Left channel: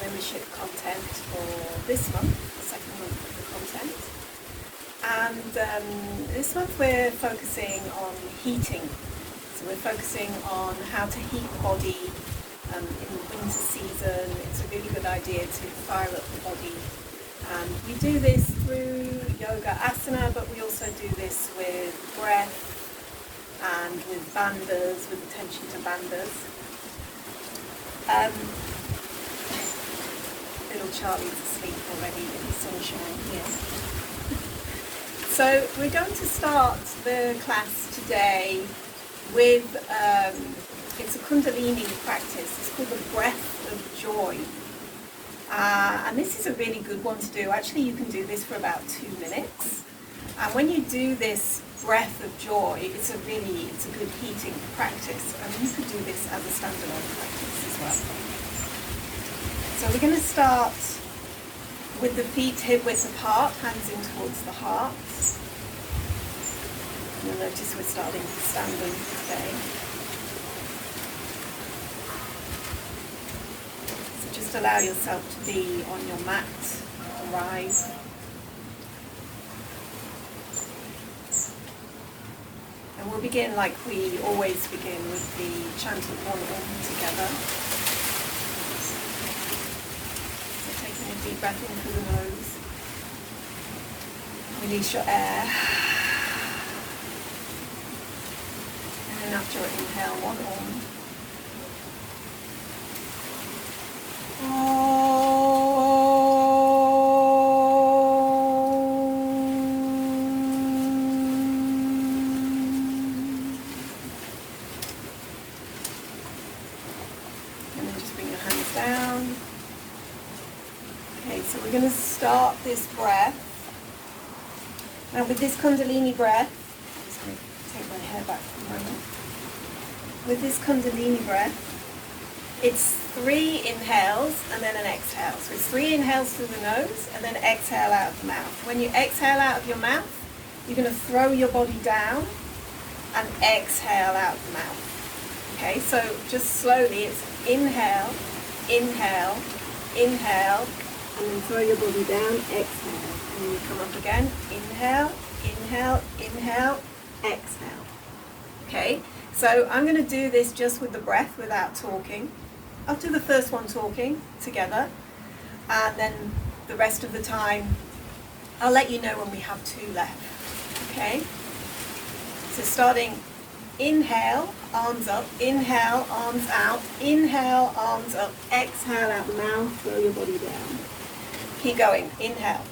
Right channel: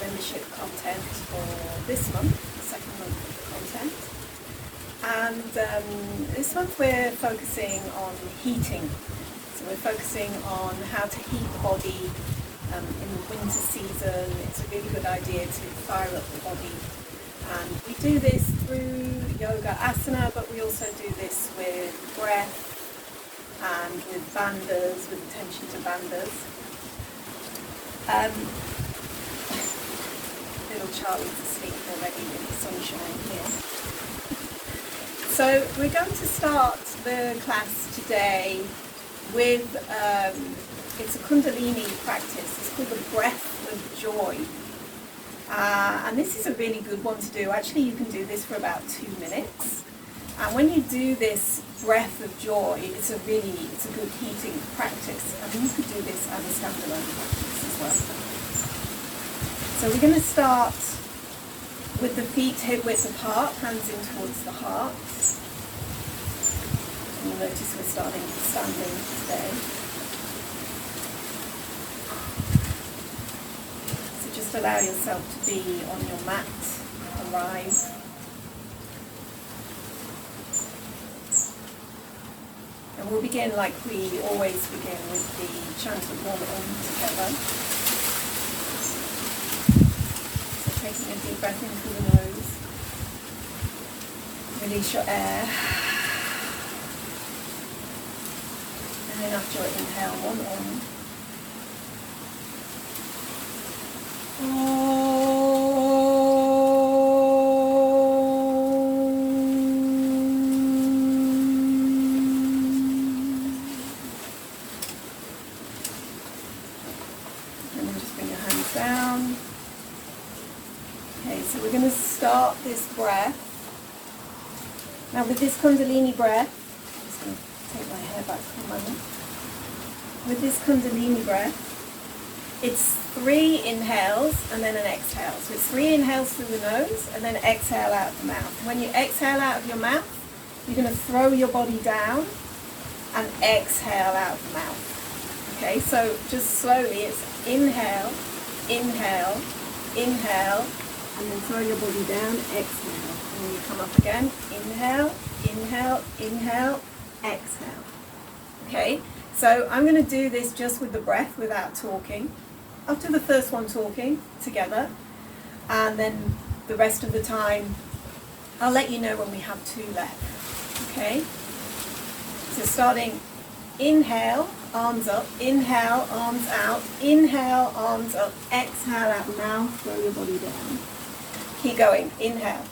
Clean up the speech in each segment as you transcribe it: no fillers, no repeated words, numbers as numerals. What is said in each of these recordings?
membership content for this month, the second month of the content. And this month we're focusing on heating. So we're focusing on how to heat the body in the winter season. It's a really good idea to fire up the body. And we do this through yoga asana, but we also do this with breath and with bandhas, with attention to bandhas. Little Charlie's asleep already in the sunshine here. So we're going to start the class today with, it's a Kundalini practice. It's called the breath of joy. And this is a really good one to do. Actually, you can do this for about 2 minutes. And when you do this breath of joy, it's a good heating practice. I mean, you could do this as a standalone practice as well. So we're going to start with the feet hip width apart, hands in towards the heart. You'll notice we're starting standing today. So just allow yourself to be on your mat, arrive. And we'll begin like we always begin with the chant of one Om together. So taking a deep breath in through the nose. Release your air. And then after your inhale, one Om. And then just bring your hands down. Okay, so we're going to start this breath. Now with this Kundalini breath, I'm just going to take my hair back for a moment. With this Kundalini breath, it's 3 inhales and then an exhale. So it's 3 inhales through the nose and then exhale out of the mouth. When you exhale out of your mouth, you're going to throw your body down and exhale out of the mouth. Okay, so just slowly, it's inhale, inhale, inhale, and then throw your body down, exhale. And then you come up again, inhale, inhale, inhale, exhale. Okay, so I'm going to do this just with the breath without talking. I'll do the first one talking together, and then the rest of the time I'll let you know when we have 2 left. Okay, so starting inhale, arms up, inhale, arms out, inhale, arms up, exhale out the mouth, throw your body down. Keep going, inhale.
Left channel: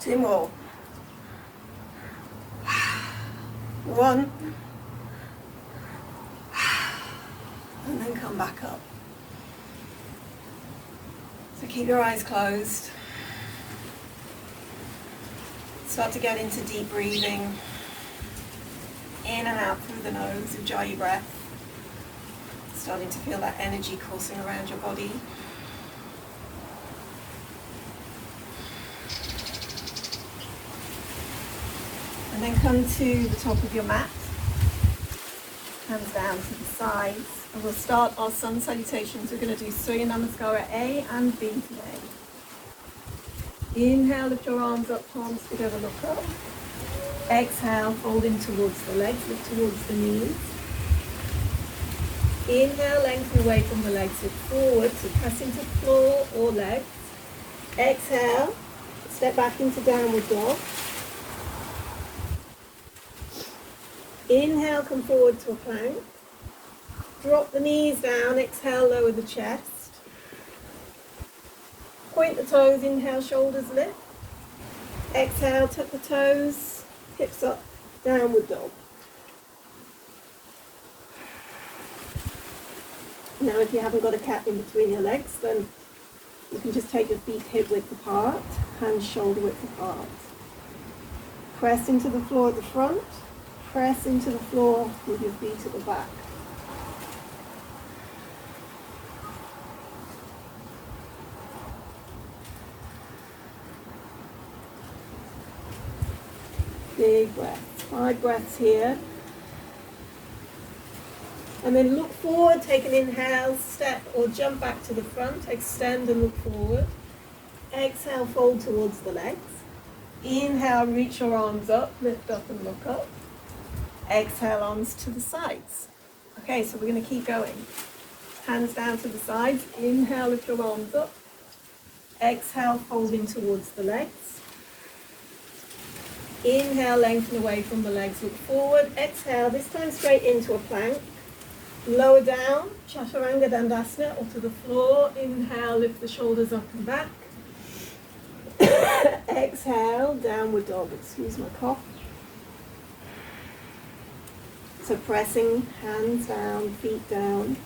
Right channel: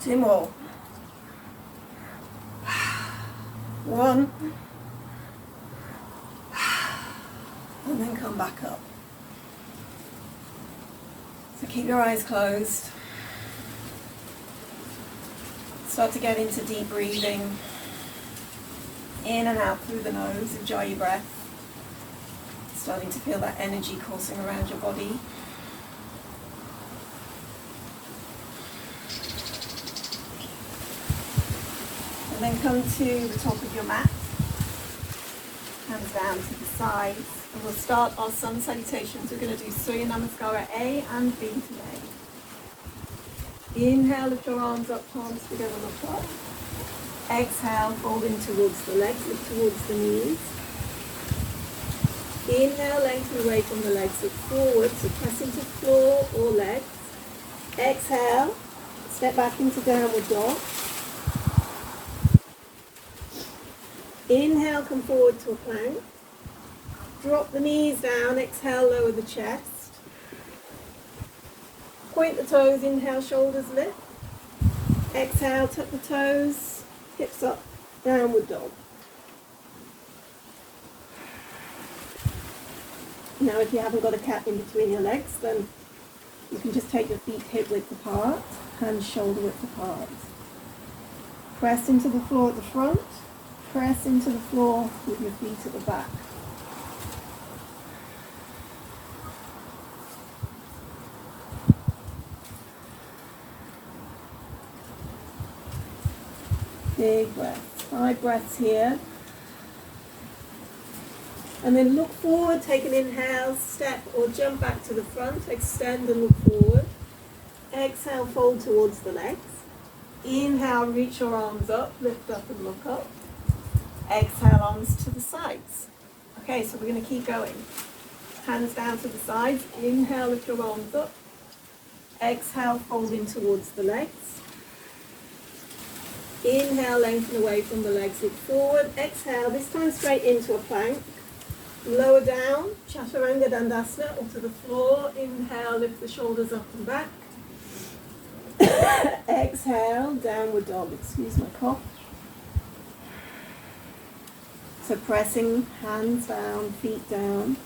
Two more. 1. And then come back up. So keep your eyes closed. Start to get into deep breathing. In and out through the nose, Ujjayi breath. Starting to feel that energy coursing around your body. And then come to the top of your mat, hands down to the sides, and we'll start our sun salutations. We're going to do Surya Namaskara A and B today. Inhale, lift your arms up, palms together, look up. Exhale, fold in towards the legs, look towards the knees. Inhale, lengthen away from the legs, look forward, so press into floor or legs. Exhale, step back into downward dog. Inhale, come forward to a plank. Drop the knees down, exhale, lower the chest. Point the toes, inhale, shoulders lift. Exhale, tuck the toes, hips up, downward dog. Now if you haven't got a gap in between your legs, then you can just take your feet hip width apart, hands shoulder width apart. Press into the floor at the front, press into the floor with your feet at the back. Big breath. 5 breaths here. And then look forward, take an inhale, step or jump back to the front, extend and look forward. Exhale, fold towards the legs. Inhale, reach your arms up, lift up and look up. Exhale, arms to the sides. Okay, so we're going to keep going. Hands down to the sides. Inhale, lift your arms up. Exhale, folding towards the legs. Inhale, lengthen away from the legs, look forward. Exhale, this time straight into a plank. Lower down, Chaturanga Dandasana, or to the floor. Inhale, lift the shoulders up and back. Exhale, downward dog. Excuse my cough. So pressing, hands down, feet down.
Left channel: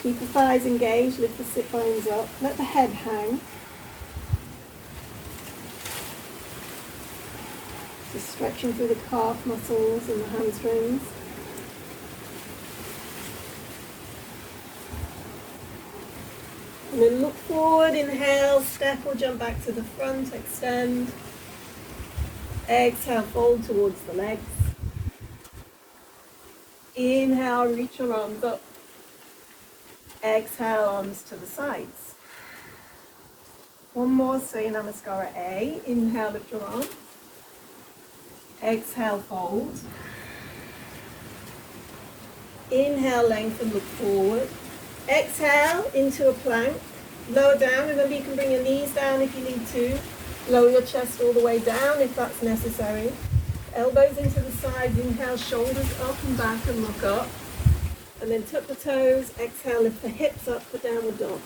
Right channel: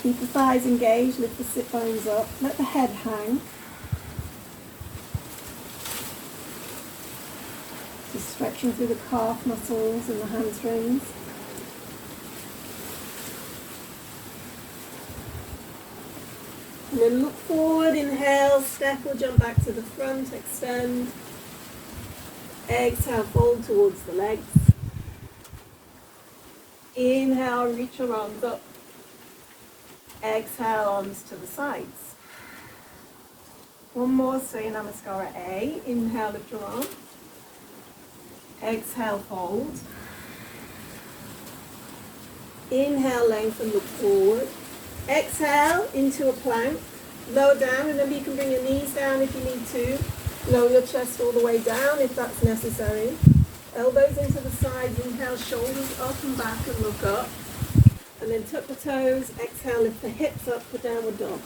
Keep the thighs engaged, lift the sit bones up. Let the head hang. Just stretching through the calf muscles and the hamstrings. And then look forward, inhale, step or jump back to the front, extend. Exhale, fold towards the legs. Inhale, reach your arms up. Exhale, arms to the sides. One more, Surya Namaskara A. Inhale, lift your arms. Exhale, fold. Inhale, lengthen, look forward. Exhale into a plank. Lower down. Remember, you can bring your knees down if you need to. Lower your chest all the way down if that's necessary. Elbows into the sides. Inhale, shoulders up and back and look up. And then tuck the toes. Exhale, lift the hips up for downward dog.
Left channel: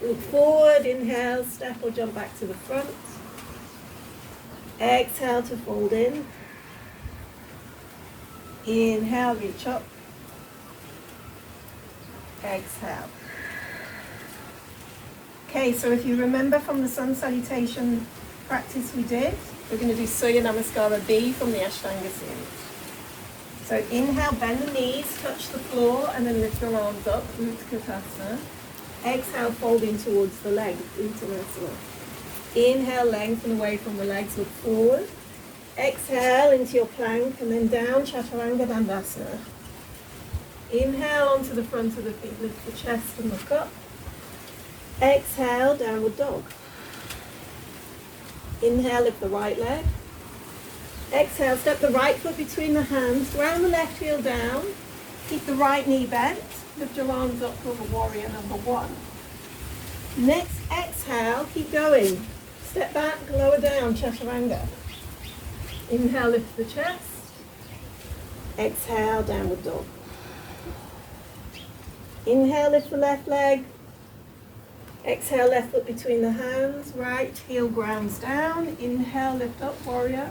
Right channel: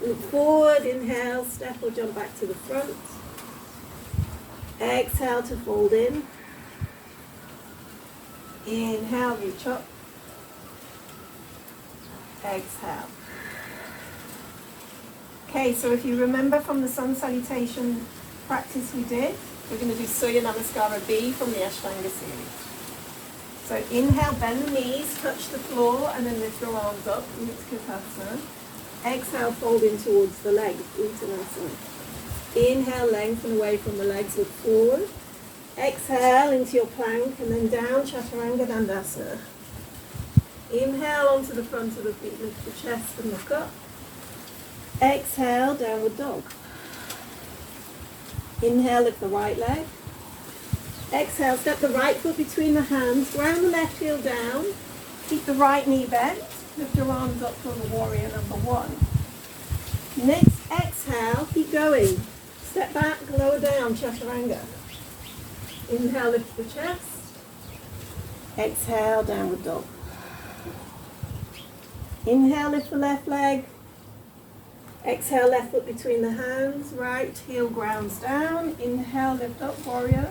Look forward, inhale, step or jump back to the front. Exhale to fold in. Inhale, reach up. Exhale. Okay, so if you remember from the sun salutation practice we did, we're going to do Surya Namaskara B from the Ashtanga series. So inhale, bend the knees, touch the floor, and then lift your arms up, Utkatasana. Exhale, fold in towards the legs, Uttanasana. Inhale, lengthen away from the legs, look forward. Exhale into your plank and then down, Chaturanga Dandasana. Inhale onto the front of the feet, lift the chest and look up. Exhale, downward dog. Inhale, lift the right leg. Exhale, step the right foot between the hands, ground the left heel down. Keep the right knee bent. Lift your arms up for the warrior number 1. Next exhale, keep going. Step back, lower down, Chaturanga. Inhale, lift the chest. Exhale, downward dog. Inhale, lift the left leg. Exhale, left foot between the hands. Right heel grounds down. Inhale, lift up, warrior.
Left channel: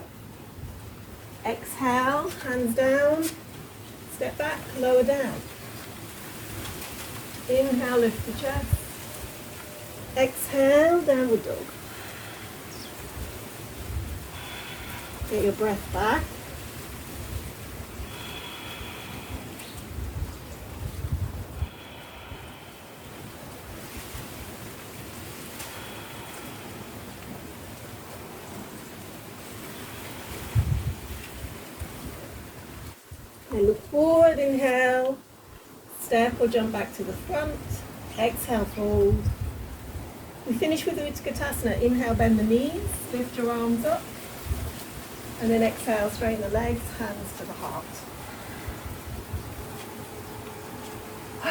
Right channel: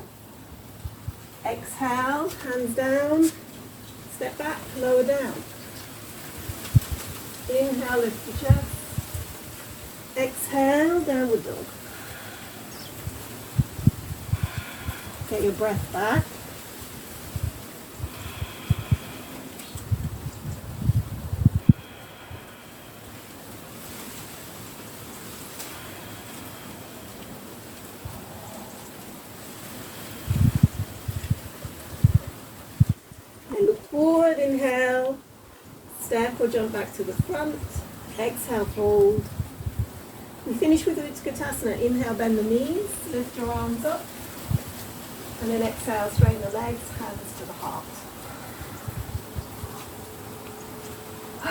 Exhale, hands down. Step back, lower down. Inhale, lift the chest. Exhale, downward dog. Get your breath back. And look forward, inhale. Step or jump back to the front. Exhale, fold. We finish with Utkatasana. Inhale, bend the knees, lift your arms up. And then exhale, straighten the legs, hands to the heart.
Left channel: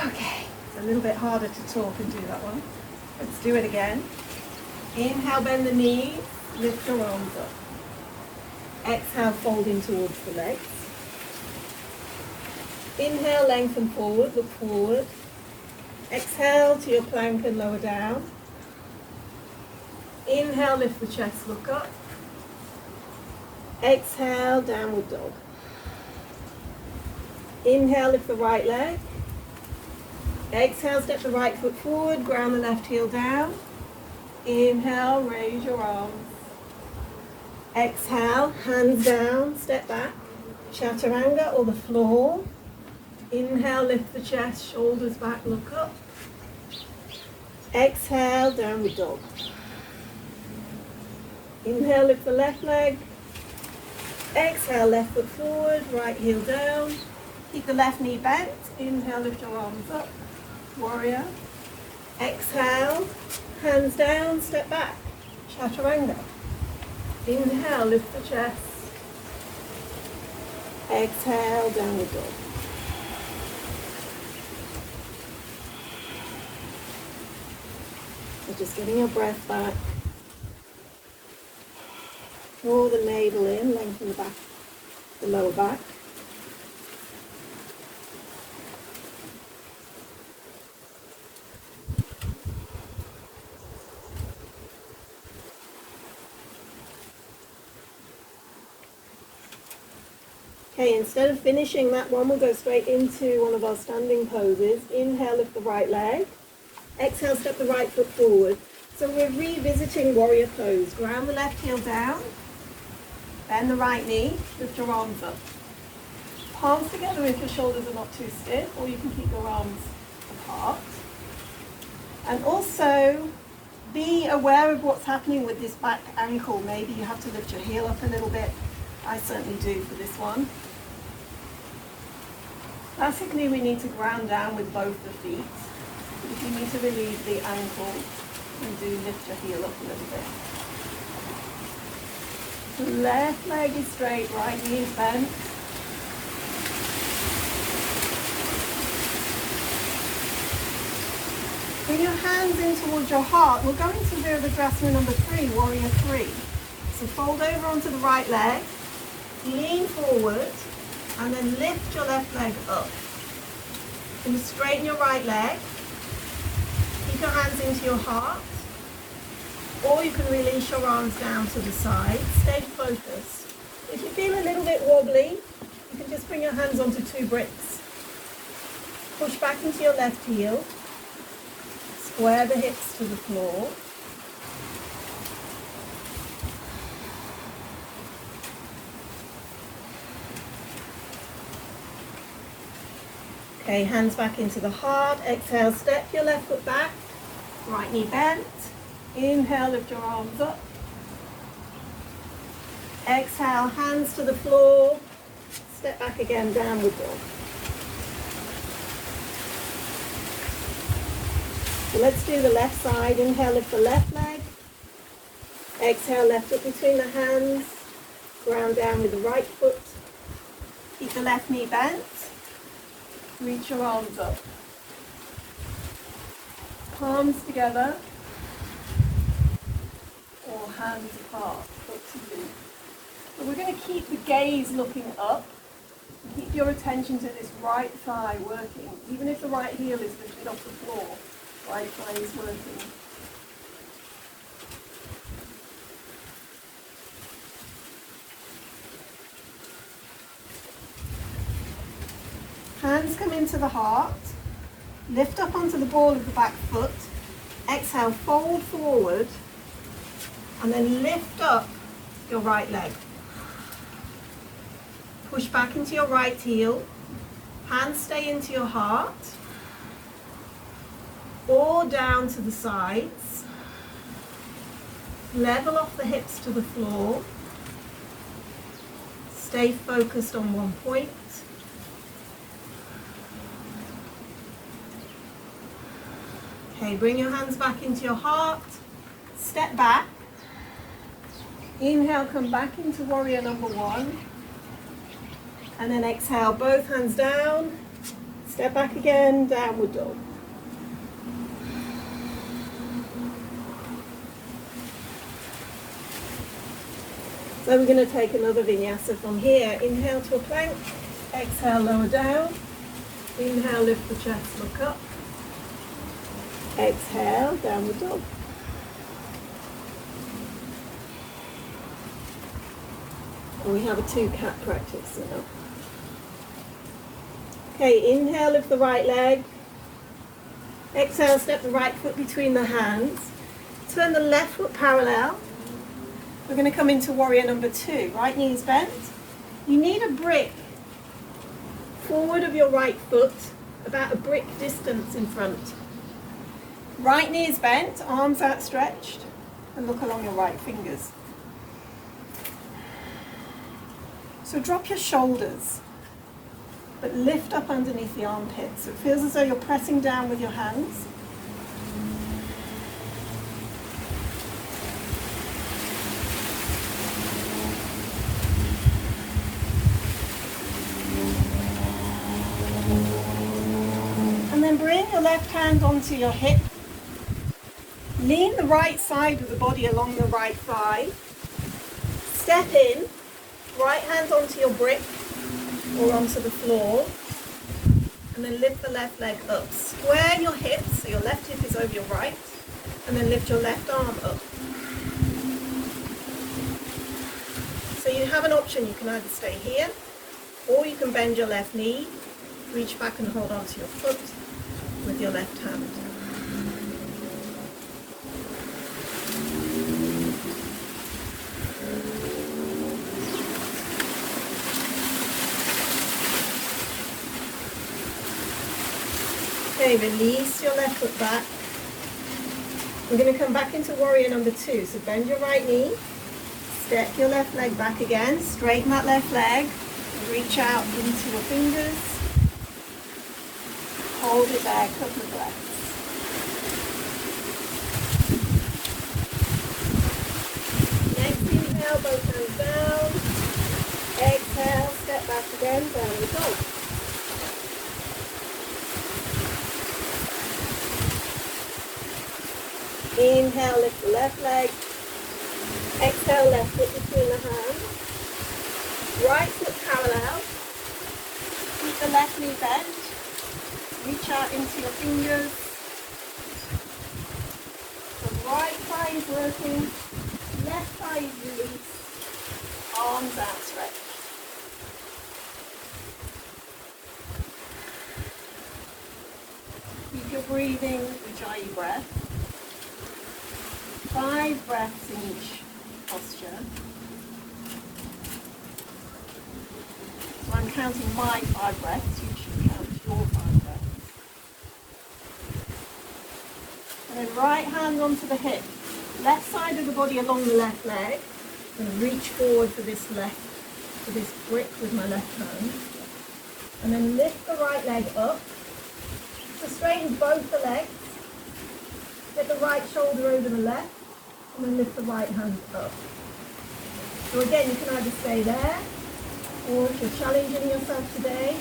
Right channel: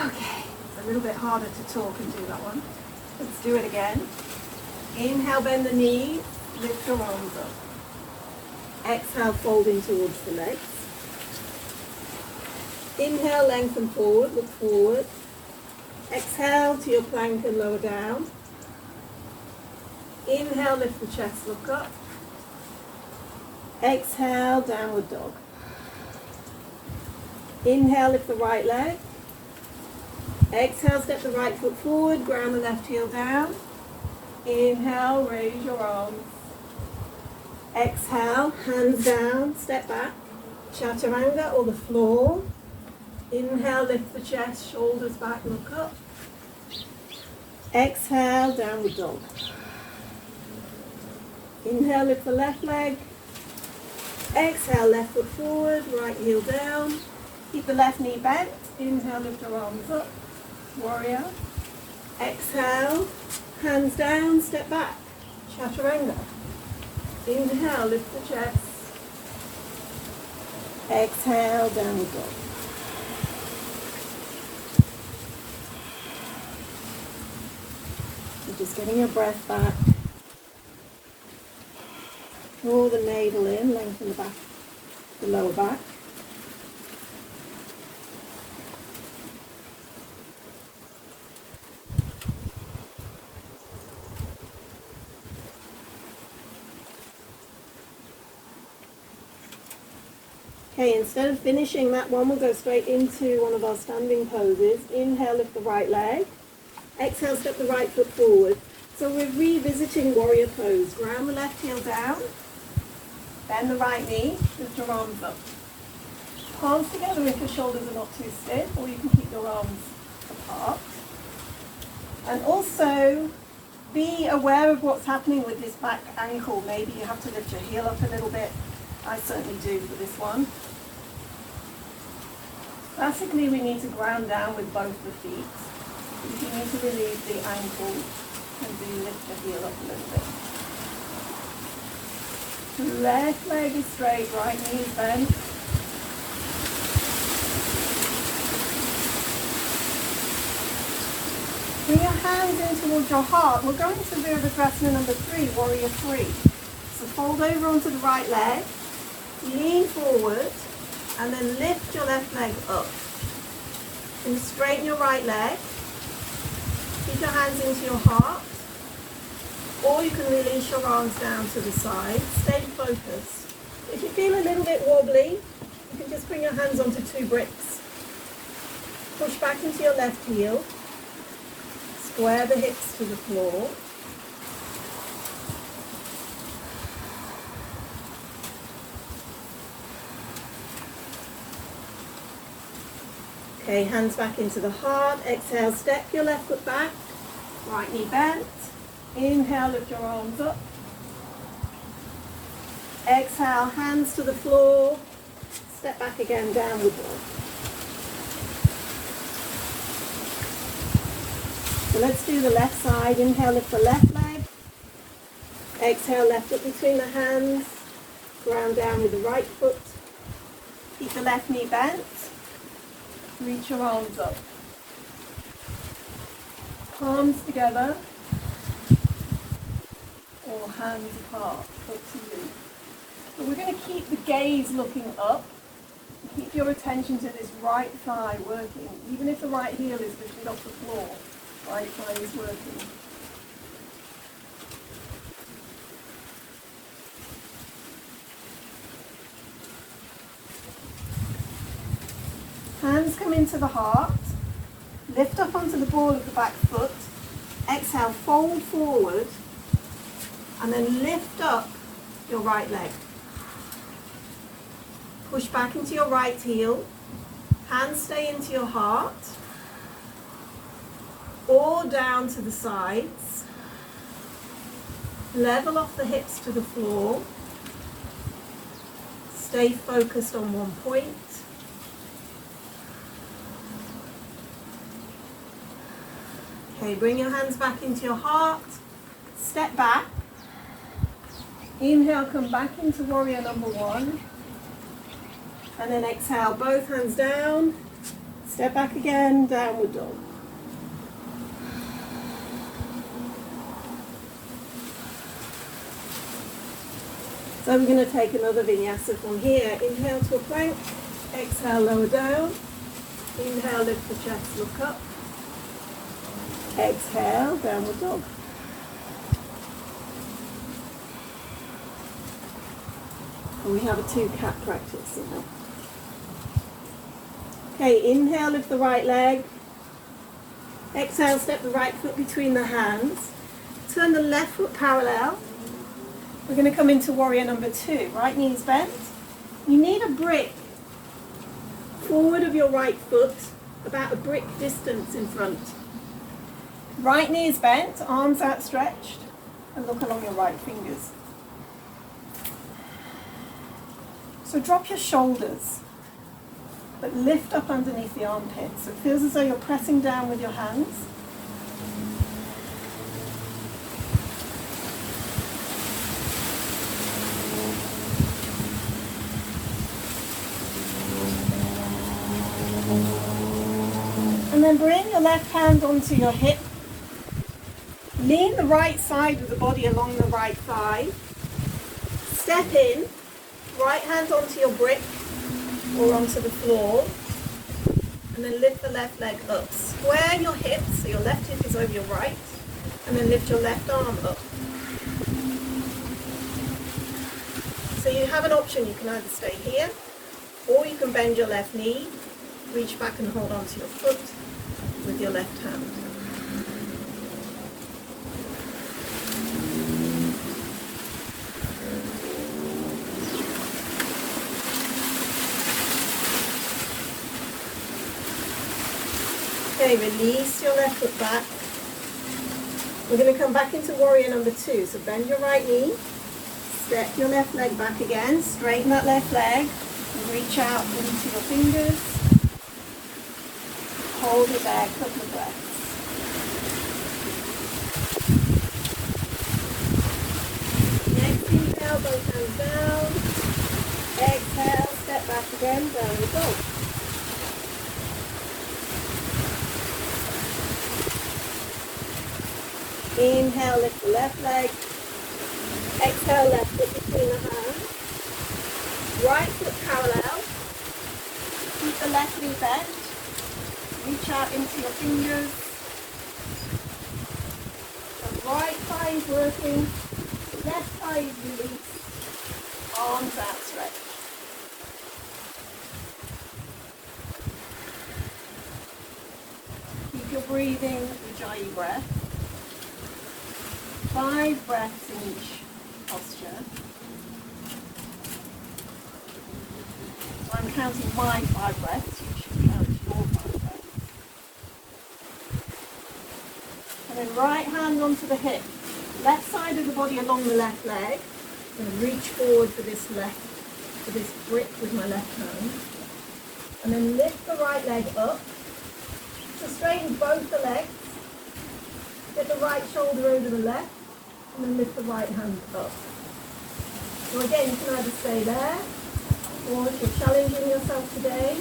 Okay, it's a little bit harder to talk and do that one. Let's do it again. Inhale, bend the knees, Lift your arms up. Exhale, folding towards the legs. Inhale, lengthen forward, look forward. Exhale to your plank and lower down. Inhale, lift the chest, look up. Exhale, downward dog. Inhale, lift the right leg. Exhale, step the right foot forward, ground the left heel down. Inhale, raise your arms. Exhale, hands down, step back. Chaturanga or the floor. Inhale, lift the chest, shoulders back, look up. Exhale, downward dog. Inhale, lift the left leg. Exhale, left foot forward, right heel down. Keep the left knee bent. Inhale, lift your arms up. Warrior. Exhale, hands down, step back. Chaturanga. Inhale, lift the chest. Exhale, downward dog. So just getting your breath back. Draw the navel in, lengthen the back, the lower back. Okay, instead of finishing that one, we'll go straight into one of our standing poses. Inhale, lift the right leg. Exhale, step the right foot forward. So we're revisiting warrior pose. Ground the left heel down. Bend the right knee. Lift your arms up. Palms together if your shoulders are not too stiff, or you can keep your arms apart. And also, be aware of what's happening with this back ankle. Maybe you have to lift your heel up a little bit. I certainly do for this one. Classically, we need to ground down with both the feet. But if you need to relieve the ankle, then do lift your heel up a little bit. Left leg is straight, right knee is bent. Bring your hands in towards your heart. We're going to Virabhadrasana number 3, warrior 3. So fold over onto the right leg. Lean forward and then lift your left leg up. And straighten your right leg. Keep your hands into your heart. Or you can release your arms down to the side. Stay focused. If you feel a little bit wobbly, you can just bring your hands onto 2 bricks. Push back into your left heel. Square the hips to the floor. Okay, hands back into the heart. Exhale, step your left foot back. Right knee bent. Inhale, lift your arms up. Exhale, hands to the floor. Step back again, downward dog. So let's do the left side. Inhale, lift the left leg. Exhale, left foot between the hands. Ground down with the right foot. Keep the left knee bent. Reach your arms up. Palms together. Or hands apart. Up to you. So we're going to keep the gaze looking up. Keep your attention to this right thigh working. Even if the right heel is lifted off the floor, right thigh is working. Hands come into the heart. Lift up onto the ball of the back foot. Exhale, fold forward. And then lift up your right leg. Push back into your right heel. Hands stay into your heart. Or down to the sides. Level off the hips to the floor. Stay focused on one point. Okay, bring your hands back into your heart. Step back. Inhale, come back into warrior number 1. And then exhale, both hands down. Step back again, downward dog. So we're going to take another vinyasa from here. Inhale to a plank, exhale, lower down. Inhale, lift the chest, look up. Exhale, downward dog. And we have a 2-cat practice now. Okay, inhale, lift the right leg. Exhale, step the right foot between the hands. Turn the left foot parallel. We're going to come into warrior number 2. Right knee is bent. You need a brick forward of your right foot, about a brick distance in front. Right knee is bent, arms outstretched, and look along your right fingers. So drop your shoulders, but lift up underneath the armpits. So it feels as though you're pressing down with your hands. And then bring your left hand onto your hip. Lean the right side of the body along the right thigh. Step in, right hand onto your brick or onto the floor. And then lift the left leg up. Square your hips, so your left hip is over your right. And then lift your left arm up. So you have an option. You can either stay here, or you can bend your left knee, reach back and hold onto your foot with your left hand. Okay, release your left foot back. We're going to come back into warrior number 2. So bend your right knee, step your left leg back again, straighten that left leg, reach out into your fingers, hold it there, a couple of breaths. Next inhale, both hands down. Exhale, step back again, downward dog. Inhale, lift the left leg. Exhale, left foot between the hands. Right foot parallel. Keep the left knee bent. Reach out into your fingers. The right thigh is working. Left thigh is released. Arms outstretched. Keep your breathing, Ujjayi breath. 5 breaths in each posture. So I'm counting my 5 breaths, you should count your 5 breaths. And then right hand onto the hip, left side of the body along the left leg, and reach forward for this brick with my left hand. And then lift the right leg up. So straighten both the legs. Get the right shoulder over the left. And then lift the right hand up. So again, you can either stay there, or if you're challenging yourself today,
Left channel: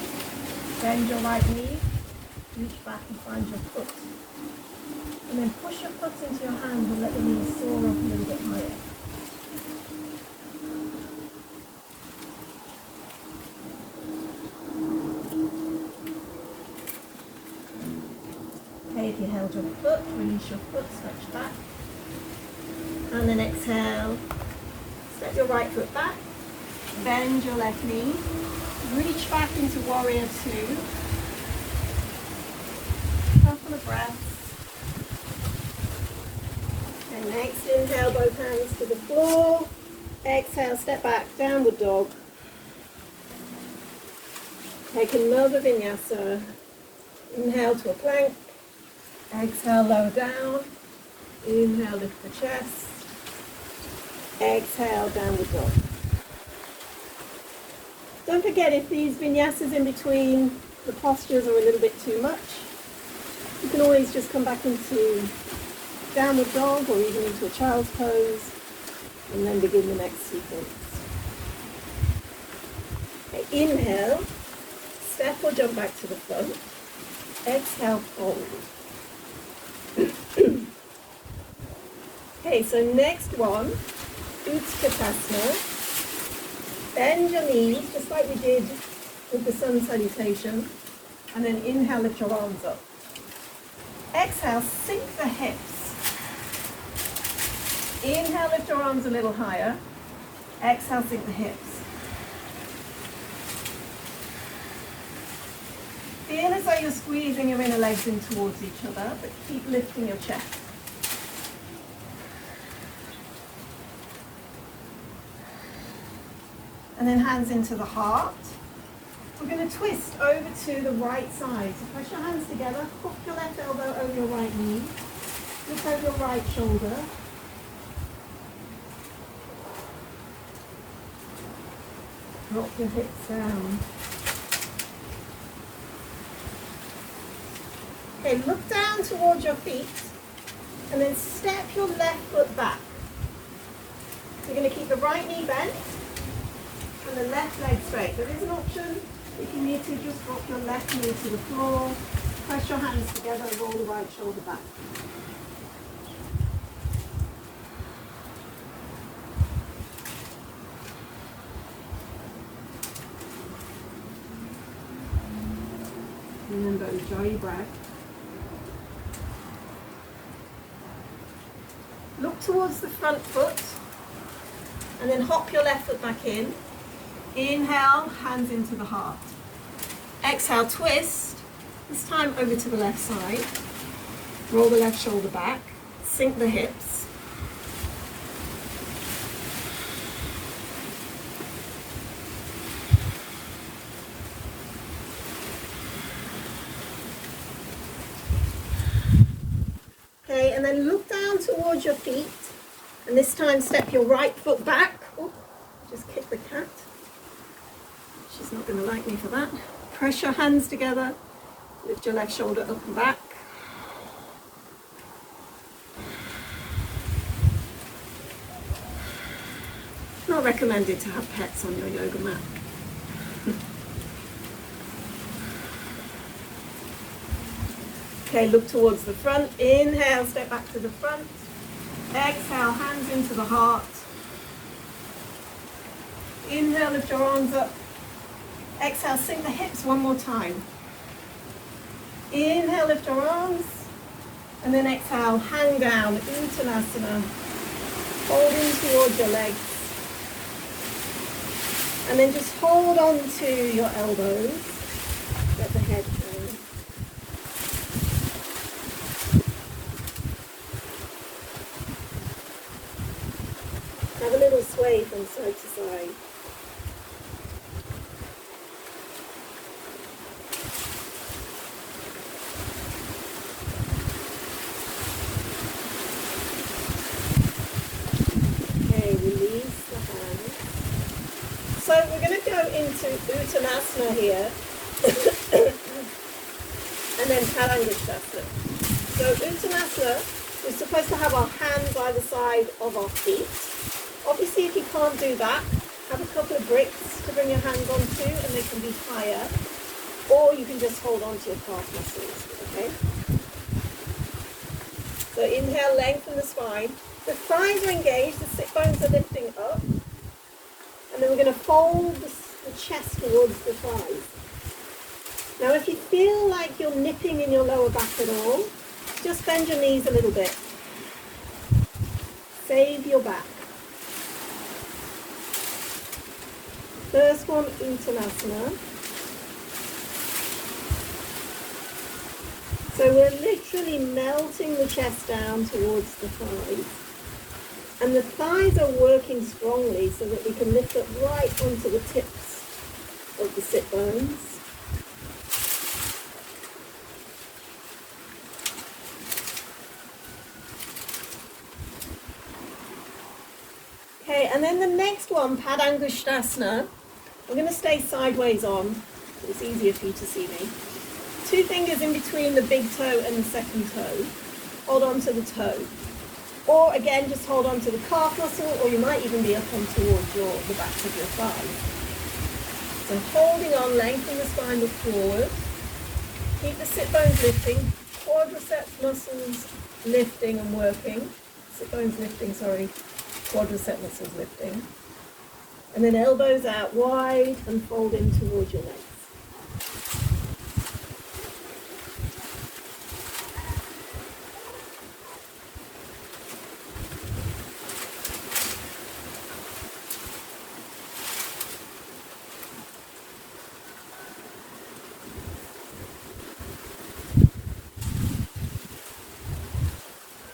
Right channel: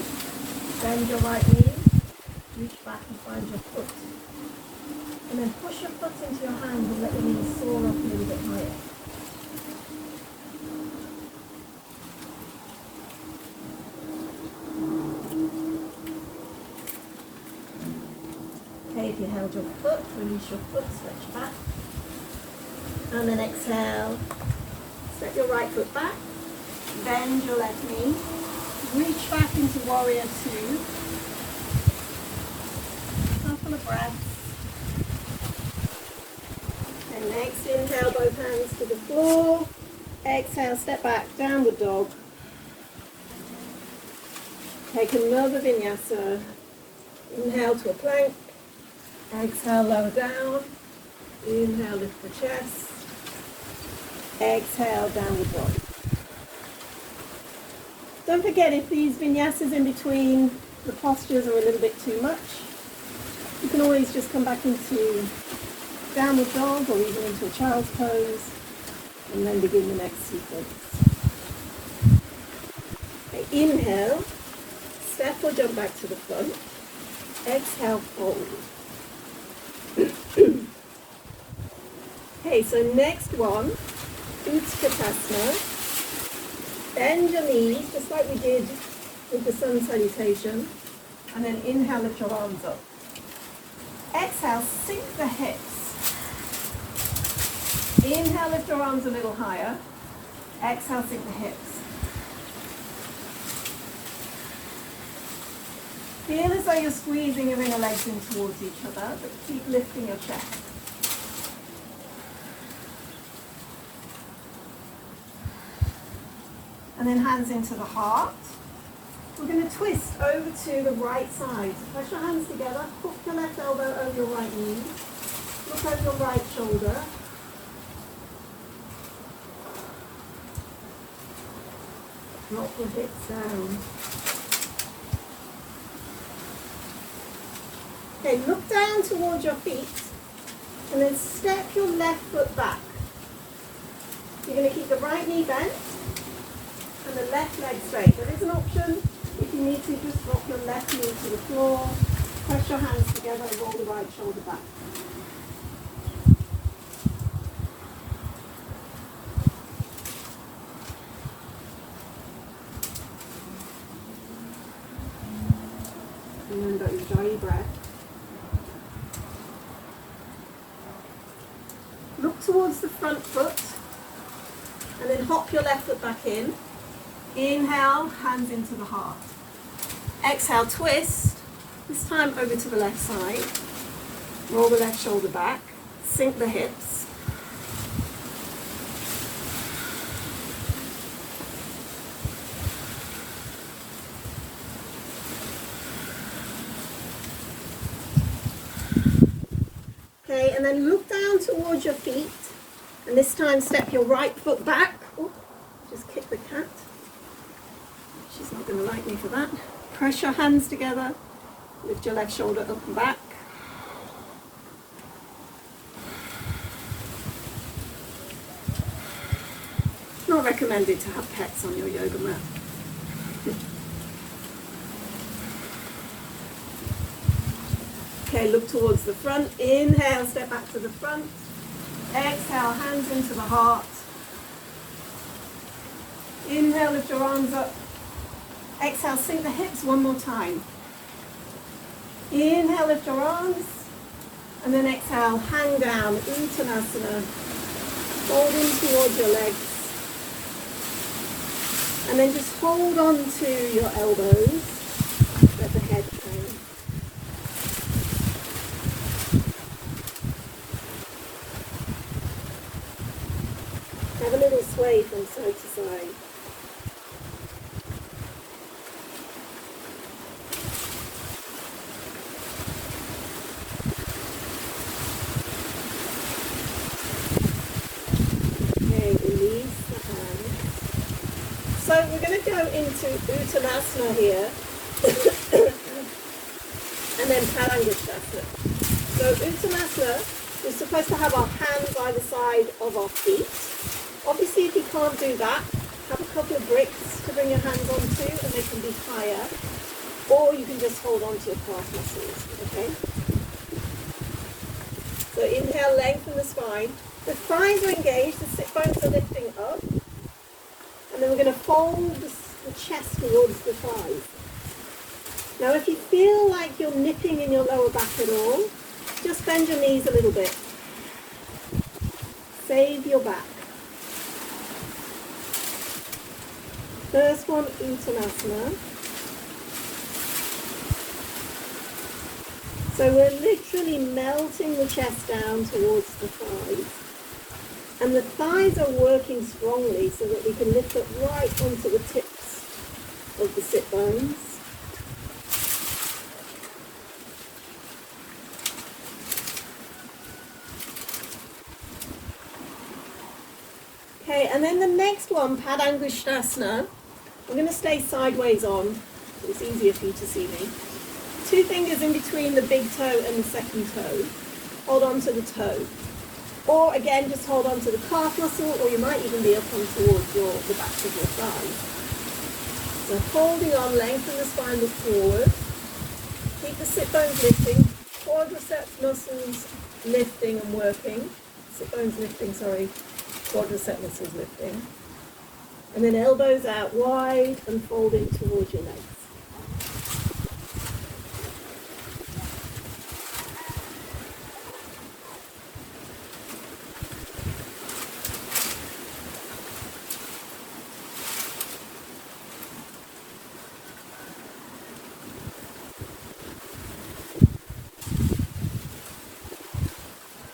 bend your right knee, reach back and find your foot. And then push your foot into your hands and let the knees soar up a little bit higher. Okay, if you held your foot, release your foot, stretch back. And then exhale, step your right foot back, bend your left knee, reach back into warrior 2. Couple of breaths. And next inhale, both hands to the floor. Exhale, step back, downward dog. Take another vinyasa. Inhale to a plank. Exhale, lower down. Inhale, lift the chest. Exhale, downward dog. Don't forget, if these vinyasas in between the postures are a little bit too much, you can always just come back into downward dog or even into a child's pose and then begin the next sequence. Okay, inhale, step or jump back to the front. Exhale, fold. Okay, so next one, Utkatasana. Bend your knees, just like we did with the sun salutation. And then inhale, lift your arms up. Exhale, sink the hips. Inhale, lift your arms a little higher. Exhale, sink the hips. Feel as though you're squeezing your inner legs in towards each other, but keep lifting your chest. And then hands into the heart. We're going to twist over to the right side. So press your hands together, hook your left elbow over your right knee. Look over your right shoulder. Drop your hips down. Okay, look down towards your feet and then step your left foot back. You're going to keep the right knee bent and the left leg straight. There is an option, if you need to, just drop your left knee to the floor, press your hands together and roll the right shoulder back. Remember, enjoy your breath. Look towards the front foot and then hop your left foot back in. Inhale, hands into the heart. Exhale, twist. This time over to the left side. Roll the left shoulder back. Sink the hips. Okay, and then look down towards your feet. And this time step your right foot back. Ooh, just kick the cat. She's not going to like me for that. Press your hands together. Lift your left shoulder up and back. Not recommended to have pets on your yoga mat. Okay, look towards the front. Inhale, step back to the front. Exhale, hands into the heart. Inhale, lift your arms up. Exhale, sink the hips one more time. Inhale, lift your arms. And then exhale, hang down, Uttanasana. Folding towards your legs. And then just hold on to your elbows. Let the head hang. Have a little sway from side to side. Release the hand. So we're going to go into Uttanasana here and then Padangusthasana. So Uttanasana, we're supposed to have our hands either side of our feet. Obviously, if you can't do that, have a couple of bricks to bring your hands onto and they can be higher, or you can just hold on to your calf muscles, okay? So inhale, lengthen the spine. The thighs are engaged, the sit bones are lifting up. And then we're going to fold the chest towards the thighs. Now if you feel like you're nipping in your lower back at all, just bend your knees a little bit. Save your back. First one, Uttanasana. So we're literally melting the chest down towards the thighs. And the thighs are working strongly so that we can lift up right onto the tips of the sit bones. Okay, and then the next one, Padangusthasana, I'm going to stay sideways on, so it's easier for you to see me. 2 fingers in between the big toe and the second toe. Hold on to the toe. Or again, just hold on to the calf muscle, or you might even be up on towards the back of your thigh. So holding on, lengthen the spine, look forward. Keep the sit bones lifting, quadricep muscles lifting and working. Sit bones lifting, sorry, quadricep muscles lifting. And then elbows out wide and fold in towards your legs.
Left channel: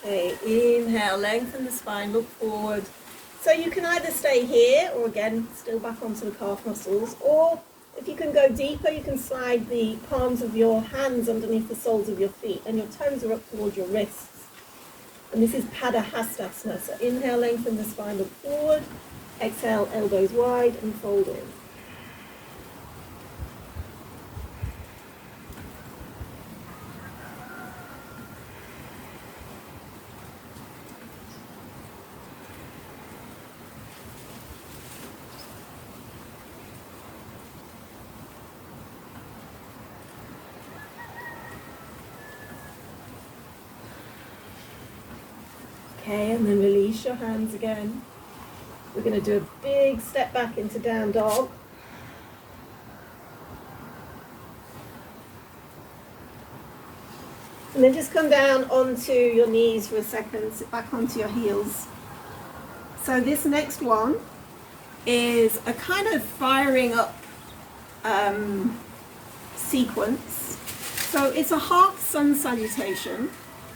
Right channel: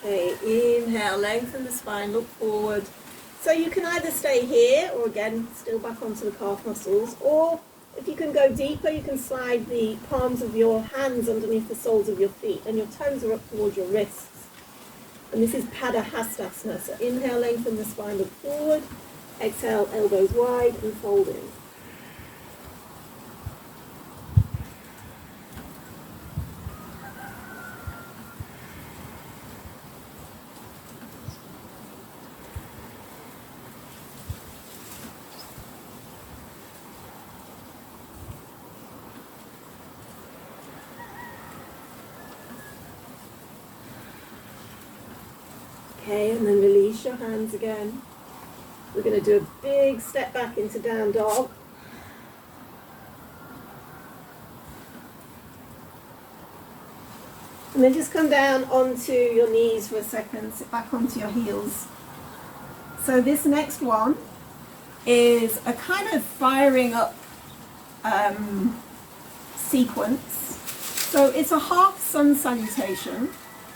Okay, inhale, lengthen the spine, look forward. So you can either stay here, or again, still back onto the calf muscles, or if you can go deeper, you can slide the palms of your hands underneath the soles of your feet, and your toes are up towards your wrists. And this is Padahastasana. So inhale, lengthen the spine, look forward. Exhale, elbows wide and fold in. Okay, and then release your hands again. We're going to do a big step back into down dog. And then just come down onto your knees for a second, sit back onto your heels. So this next one is a kind of firing up sequence. So it's a half sun salutation.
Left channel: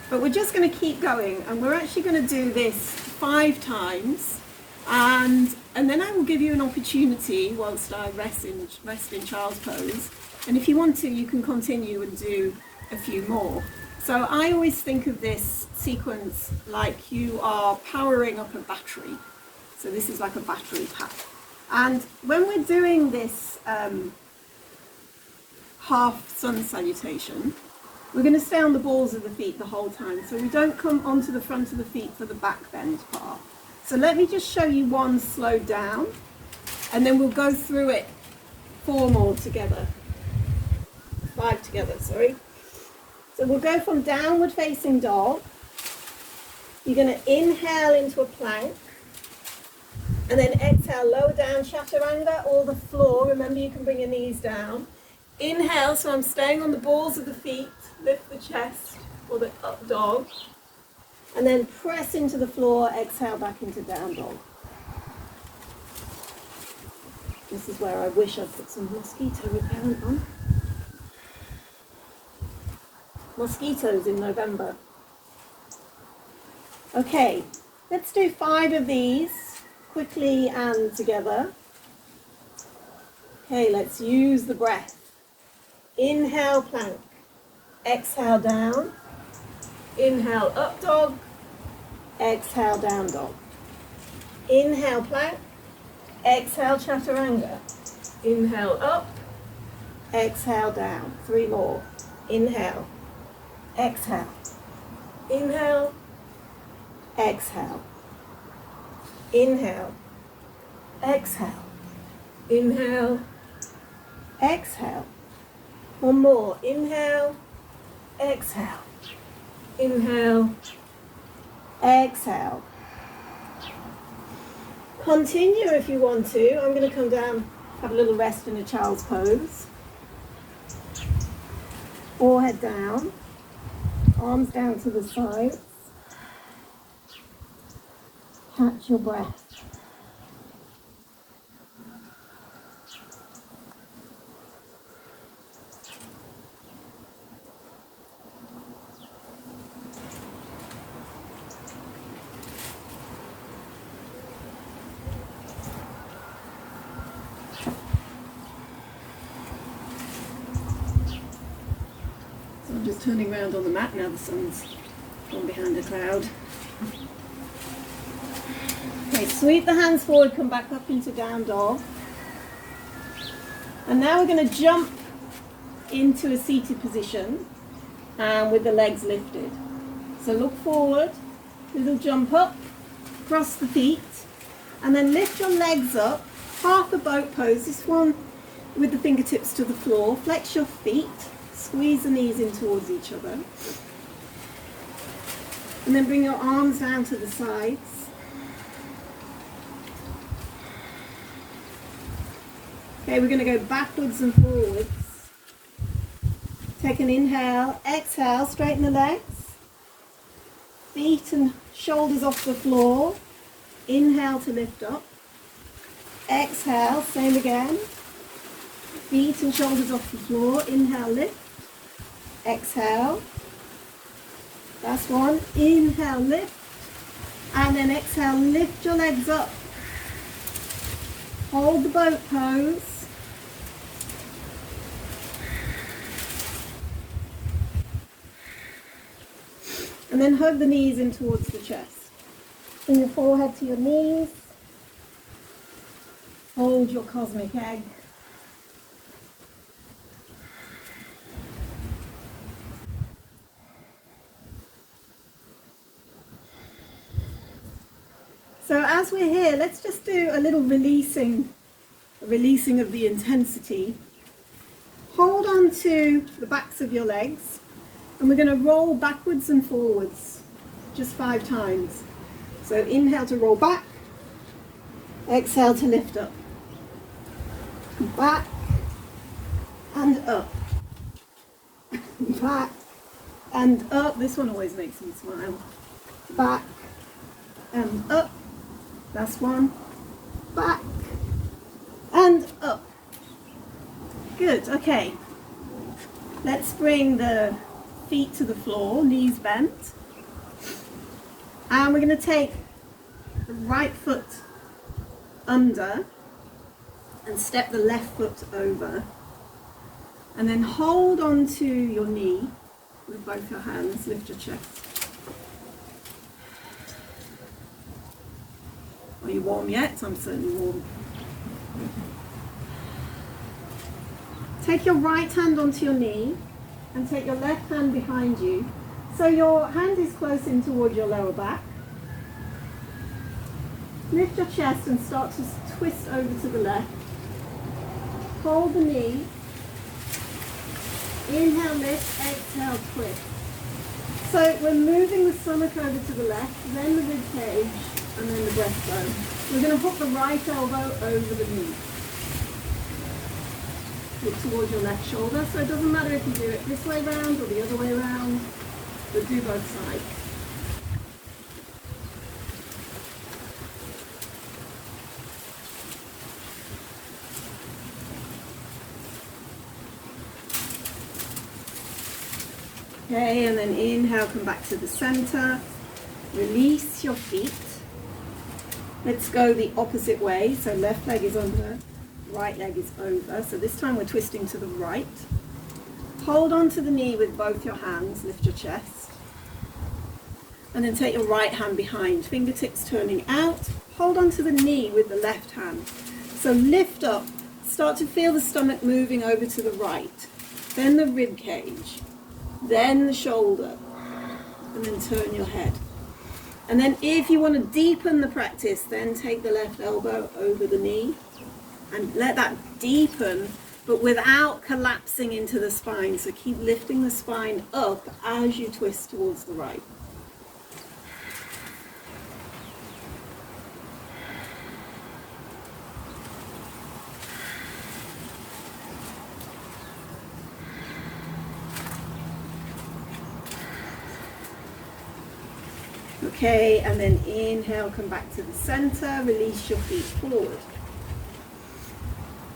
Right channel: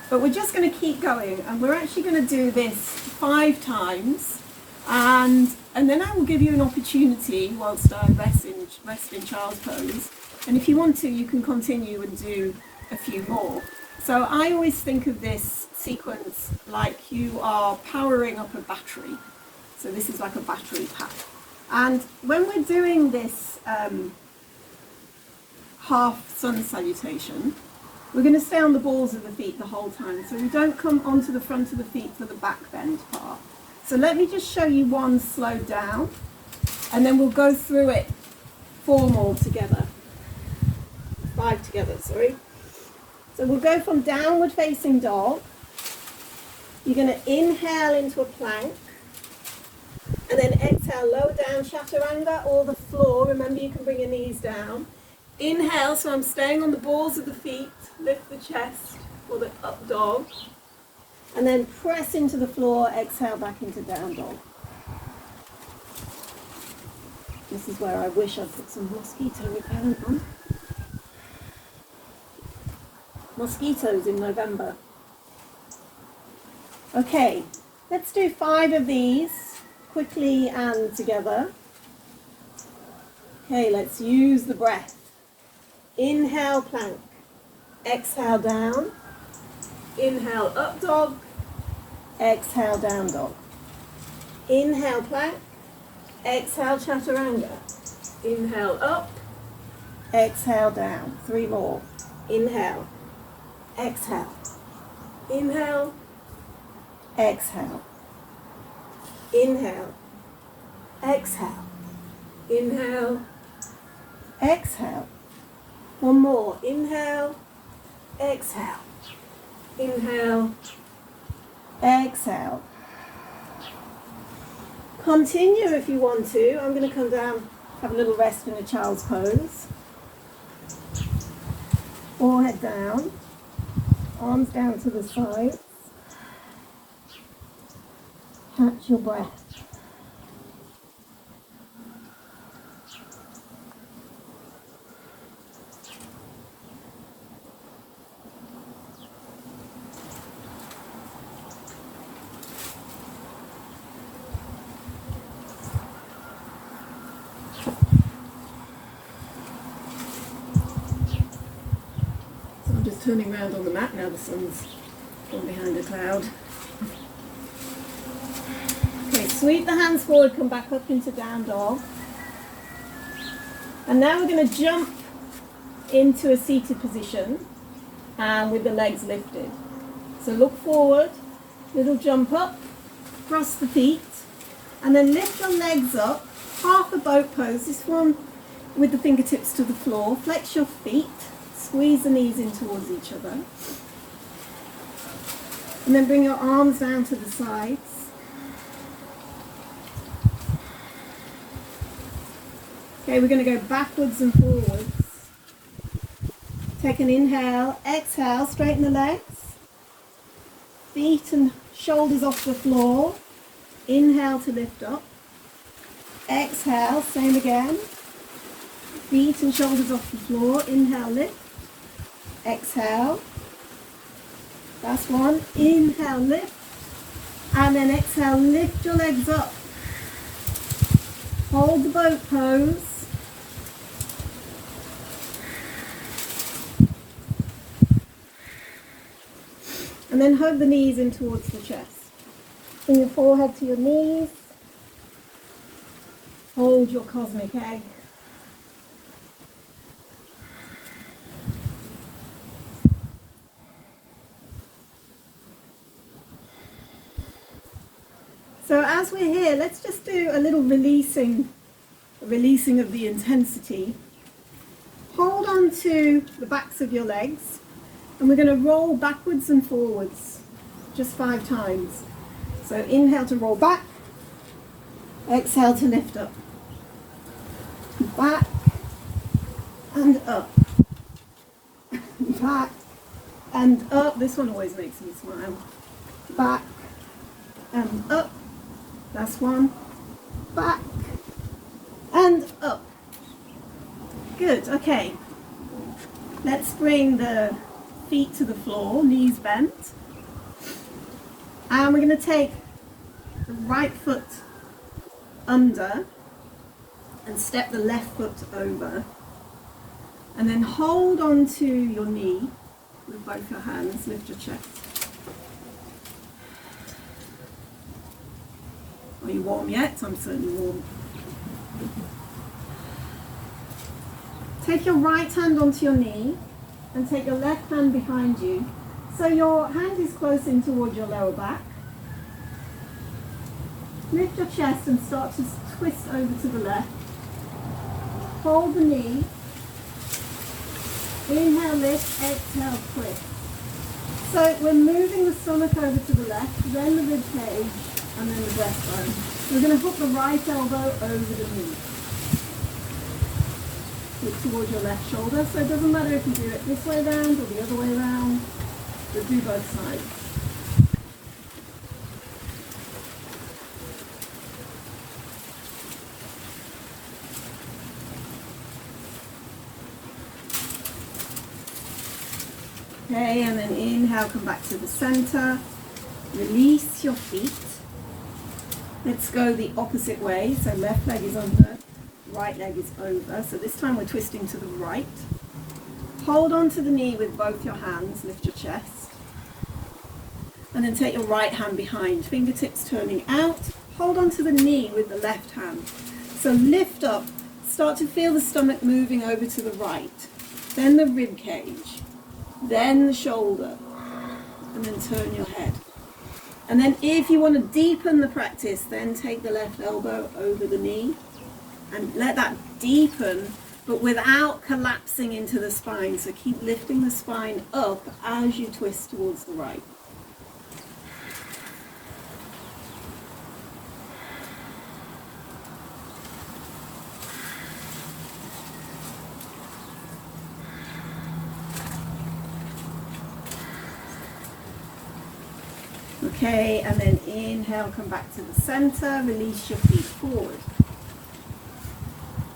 But we're just going to keep going, and we're actually going to do this 5 times, and then I will give you an opportunity whilst I rest in child's pose, and if you want to, you can continue and do a few more. So I always think of this sequence like you are powering up a battery. So this is like a battery pack. And when we're doing this half sun salutation, we're going to stay on the balls of the feet the whole time, so we don't come onto the front of the feet for the back bend part. So let me just show you one slowed down, and then we'll go through it 4 more together. 5 together, sorry. So we'll go from downward facing dog. You're going to inhale into a plank, and then exhale, lower down, chaturanga, or the floor. Remember, you can bring your knees down. Inhale, so I'm staying on the balls of the feet, lift the chest for the up dog, and then press into the floor, exhale back into down dog. This is where I wish I'd put some mosquito repellent on. Mosquitoes in November. Okay, let's do 5 of these quickly and together. Okay, let's use the breath. Inhale, plank. Exhale, down. Inhale, up dog. Exhale, down dog. Inhale, plank. Exhale, chaturanga. Inhale, up. Exhale, down. 3 more. Inhale. Exhale. Inhale. Exhale. Inhale. Exhale. Inhale. Exhale. 1 more. Inhale. Exhale. Inhale. Exhale. Continue if you want to. I'm going to come down, have a little rest in a child's pose. Forehead down. Arms down to the sides. Catch your breath. Turning around on the mat now, the sun's gone behind a cloud. Okay, sweep the hands forward, come back up into down dog. And now we're going to jump into a seated position and with the legs lifted. So look forward, little jump up, cross the feet, and then lift your legs up, half a boat pose, this one with the fingertips to the floor, flex your feet. Squeeze the knees in towards each other. And then bring your arms down to the sides. Okay, we're going to go backwards and forwards. Take an inhale, exhale, straighten the legs. Feet and shoulders off the floor. Inhale to lift up. Exhale, same again. Feet and shoulders off the floor. Inhale, lift. Exhale. Last one. Inhale, lift. And then exhale, lift your legs up. Hold the boat pose. And then hug the knees in towards the chest. Bring your forehead to your knees. Hold your cosmic egg. So as we're here, let's just do a little releasing of the intensity. Hold on to the backs of your legs, and we're going to roll backwards and forwards, just 5 times. So inhale to roll back, exhale to lift up. Back and up. Back and up. This one always makes me smile. Back and up. Last one. Back and up. Good, okay. Let's bring the feet to the floor, knees bent. And we're going to take the right foot under and step the left foot over. And then hold on to your knee with both your hands, lift your chest. Are you warm yet? I'm certainly warm. Take your right hand onto your knee and take your left hand behind you. So your hand is close in towards your lower back. Lift your chest and start to twist over to the left. Hold the knee. Inhale, lift, exhale, twist. So we're moving the stomach over to the left, then the rib cage, and then the breastbone. We're going to hook the right elbow over the knee. Look towards your left shoulder. So it doesn't matter if you do it this way round or the other way round, but do both sides. Okay, and then inhale, come back to the center. Release your feet. Let's go the opposite way. So left leg is under, right leg is over. So this time we're twisting to the right. Hold on to the knee with both your hands, lift your chest. And then take your right hand behind, fingertips turning out. Hold on to the knee with the left hand. So lift up, start to feel the stomach moving over to the right. Then the rib cage, then the shoulder, and then turn your head. And then if you want to deepen the practice, then take the left elbow over the knee and let that deepen, but without collapsing into the spine. So keep lifting the spine up as you twist towards the right. Okay, and then inhale, come back to the center, release your feet forward.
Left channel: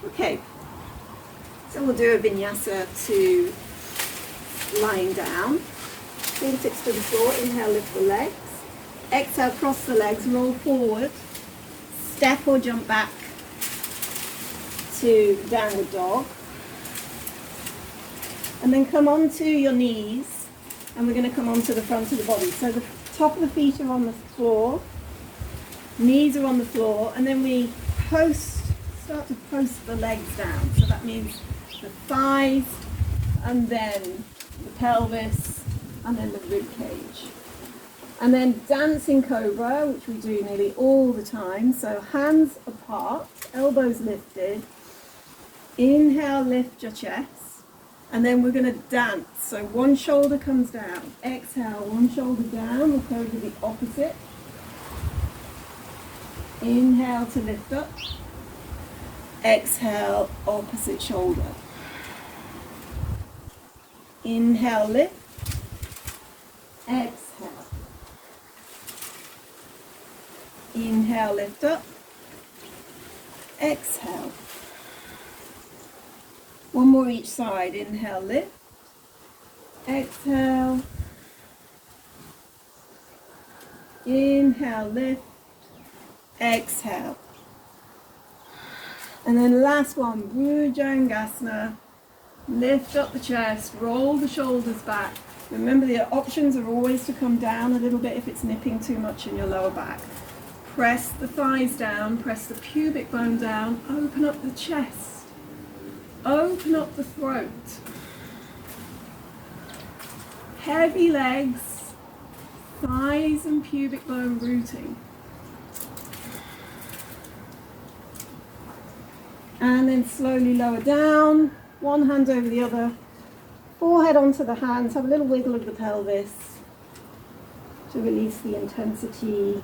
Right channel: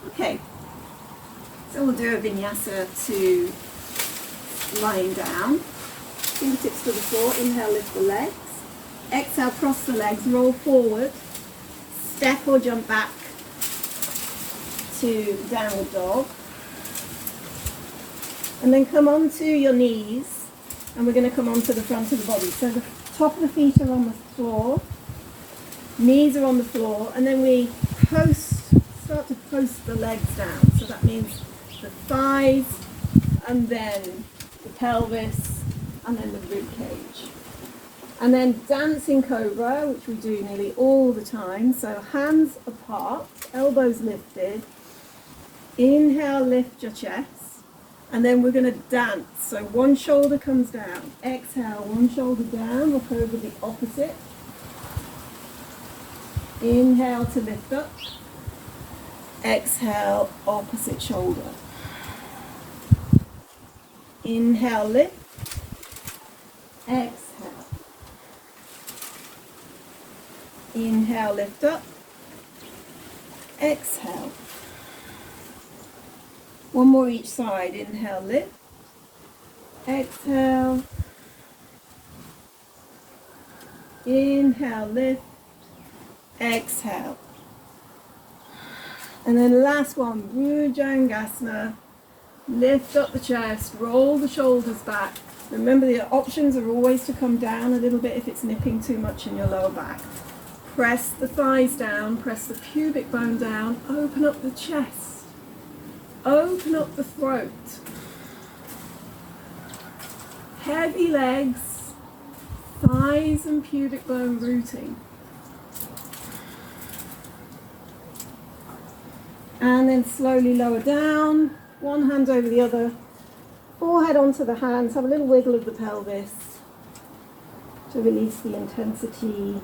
Okay, so we'll do a vinyasa to lying down. Fingertips to the floor, inhale, lift the legs. Exhale, cross the legs, roll forward. Step or jump back to downward dog. And then come onto your knees, and we're going to come onto the front of the body. So the top of the feet are on the floor, knees are on the floor, and then we start to post the legs down. So that means the thighs, and then the pelvis, and then the rib cage. And then dancing cobra, which we do nearly all the time. So hands apart, elbows lifted. Inhale, lift your chest. And then we're going to dance. So one shoulder comes down. Exhale, one shoulder down. Look over the opposite. Inhale to lift up. Exhale, opposite shoulder. Inhale, lift. Exhale. Inhale, lift up. Exhale. One more each side. Inhale, lift. Exhale. Inhale, lift. Exhale. And then last one, Bhujangasana. Lift up the chest, roll the shoulders back. Remember, the options are always to come down a little bit if it's nipping too much in your lower back. Press the thighs down, press the pubic bone down, open up the chest, open up the throat. Heavy legs, thighs and pubic bone rooting. And then slowly lower down, one hand over the other, forehead onto the hands, have a little wiggle of the pelvis to release the intensity.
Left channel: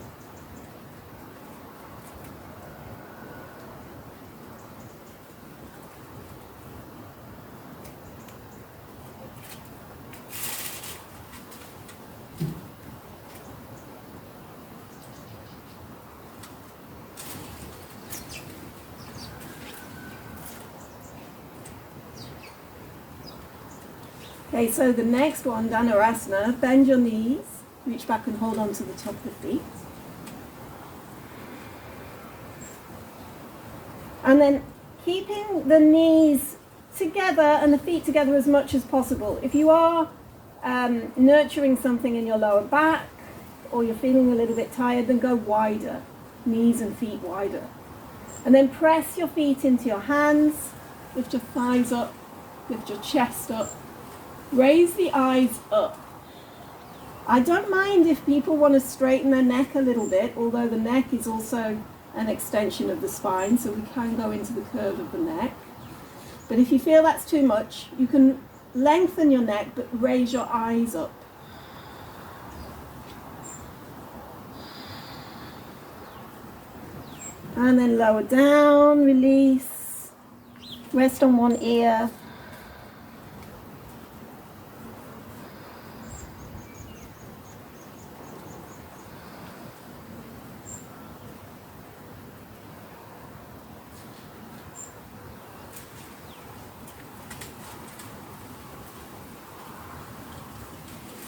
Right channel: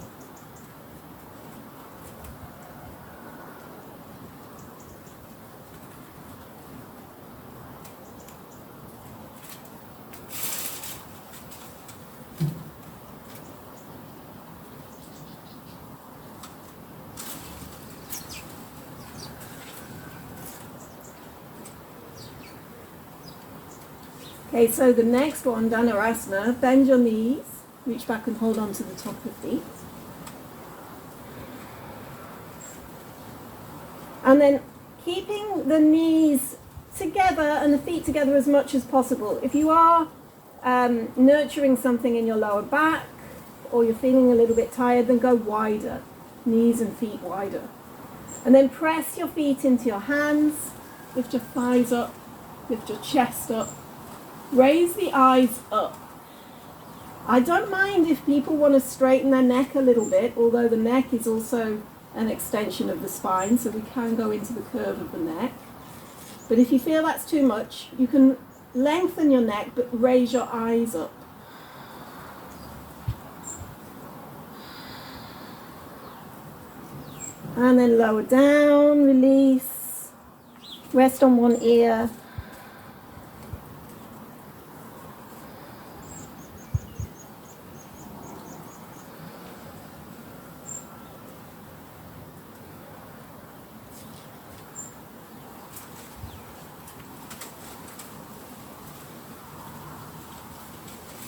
Okay, so the next one, Dhanurasana, bend your knees, reach back and hold on to the top of the feet. And then keeping the knees together and the feet together as much as possible. If you are nurturing something in your lower back or you're feeling a little bit tired, then go wider, knees and feet wider. And then press your feet into your hands, lift your thighs up, lift your chest up. Raise the eyes up. I don't mind if people want to straighten their neck a little bit, although the neck is also an extension of the spine, so we can go into the curve of the neck. But if you feel that's too much, you can lengthen your neck, but raise your eyes up. And then lower down, release. Rest on one ear.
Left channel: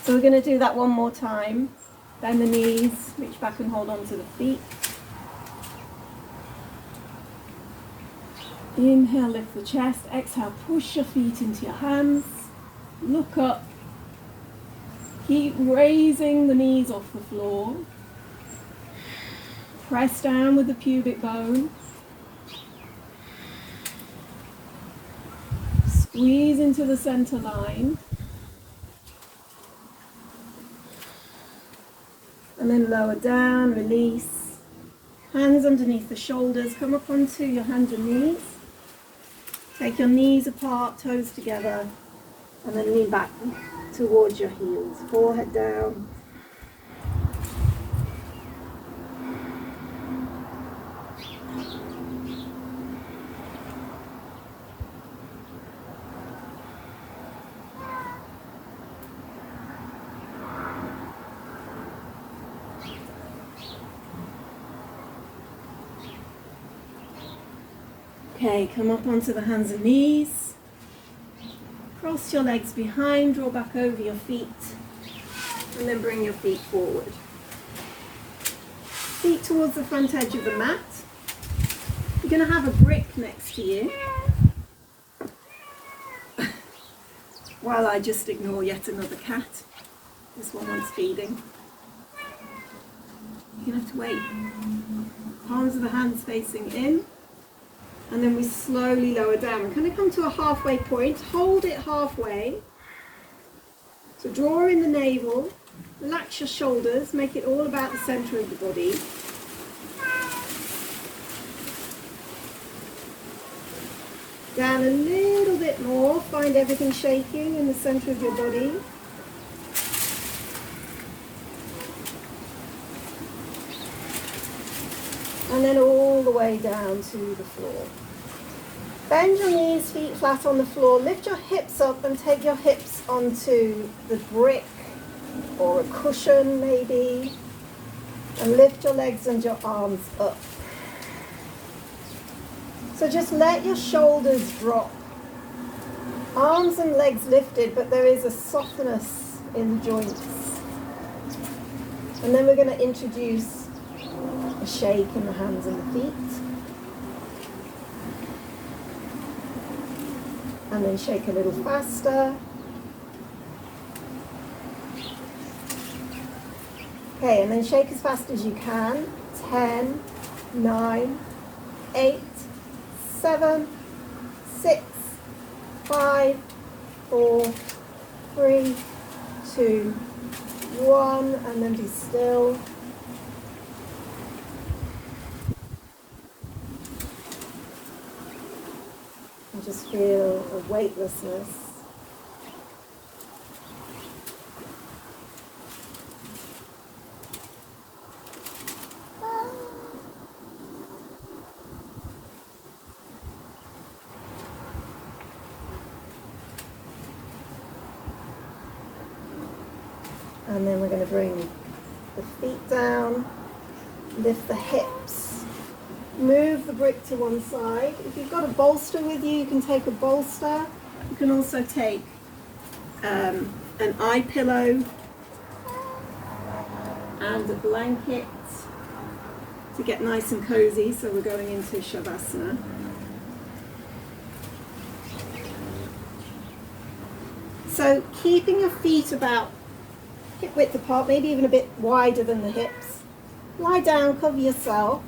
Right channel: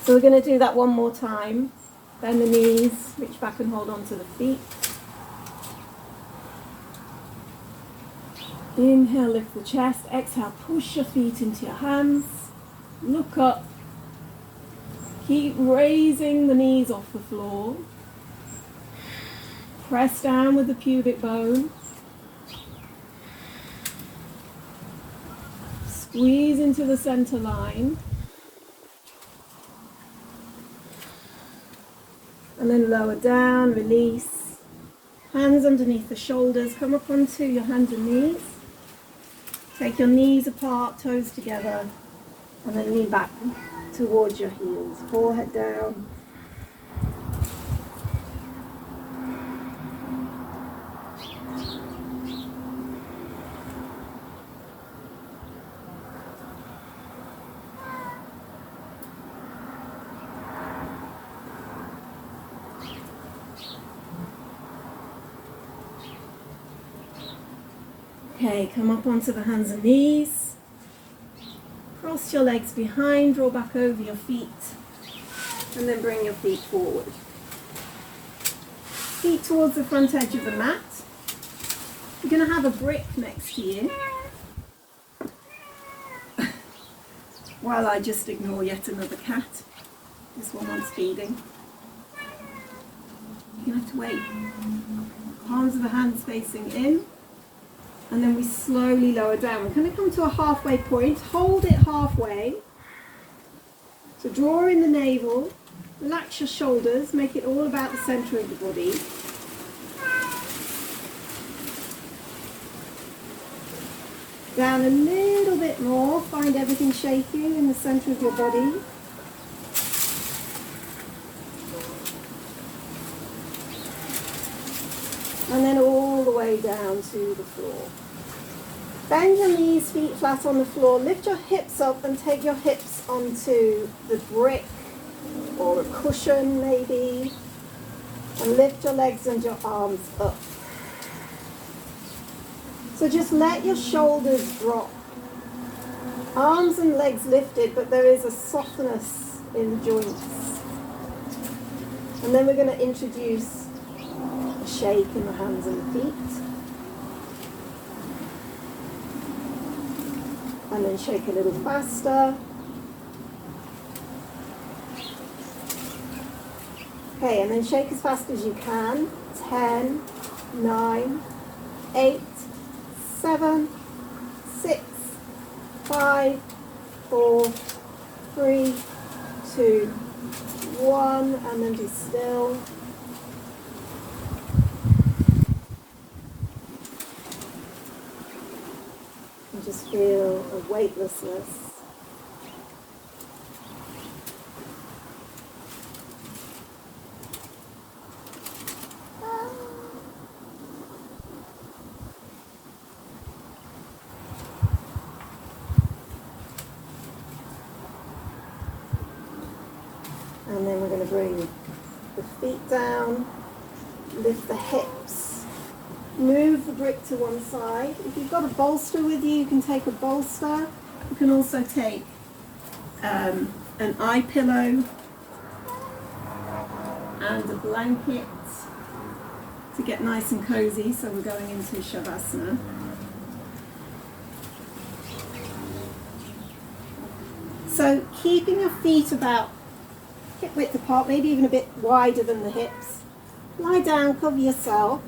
So we're going to do that one more time. Bend the knees, reach back and hold on to the feet. Inhale, lift the chest. Exhale, push your feet into your hands. Look up. Keep raising the knees off the floor. Press down with the pubic bone. Squeeze into the center line. And then lower down, release. Hands underneath the shoulders. Come up onto your hands and knees. Take your knees apart, toes together. And then lean back towards your heels. Forehead down. Okay, come up onto the hands and knees. Cross your legs behind, draw back over your feet, and then bring your feet forward. Feet towards the front edge of the mat. You're going to have a brick next to you. While I just ignore yet another cat. This one wants feeding. You're going to have to wait. Palms of the hands facing in. And then we slowly lower down. We're going to come to a halfway point. Hold it halfway. So draw in the navel. Relax your shoulders. Make it all about the center of the body. Down a little bit more. Find everything shaking in the center of your body. And then all the way down to the floor. Bend your knees, feet flat on the floor. Lift your hips up and take your hips onto the brick or a cushion maybe. And lift your legs and your arms up. So just let your shoulders drop. Arms and legs lifted, but there is a softness in the joints. And then we're going to introduce a shake in the hands and the feet. And then shake a little faster. Okay, and then shake as fast as you can. 10, 9, 8, 7, 6, 5, 4, 3, 2, 1, and then be still. And just feel a weightlessness. And then we're going to bring the feet down, lift the hips, move the brick to one side. If you've got a bolster with you, you can take a bolster. You can also take an eye pillow and a blanket to get nice and cozy. So we're going into Shavasana. So keeping your feet about hip width apart, maybe even a bit wider than the hips. Lie down, cover yourself.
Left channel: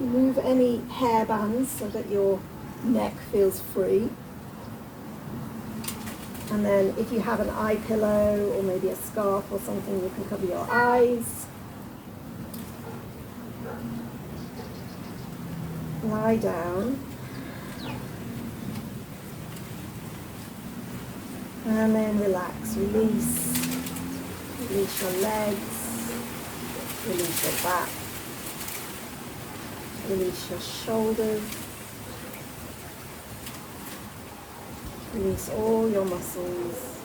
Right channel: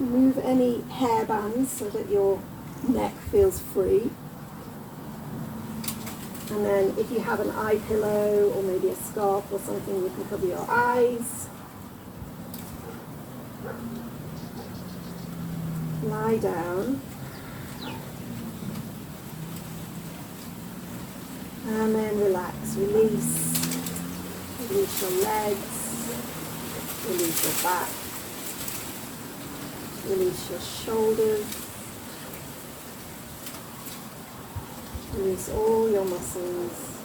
Remove any hair bands so that your neck feels free. And then if you have an eye pillow or maybe a scarf or something, you can cover your eyes. Lie down. And then relax, release. Release your legs, release your back, release your shoulders, release all your muscles.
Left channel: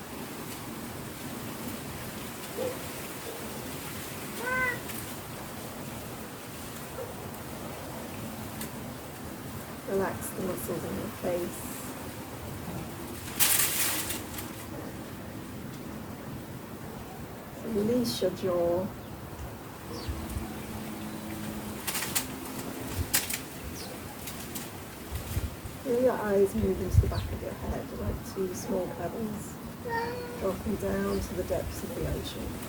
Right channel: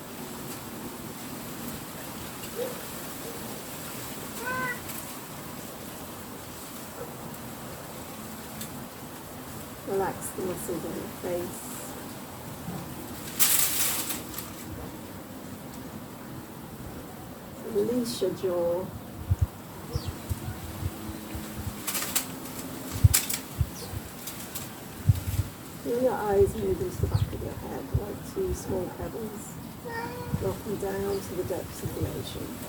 Relax the muscles in your face. Release your jaw. Feel your eyes move into the back of your head like two small pebbles, dropping down to the depths of the ocean.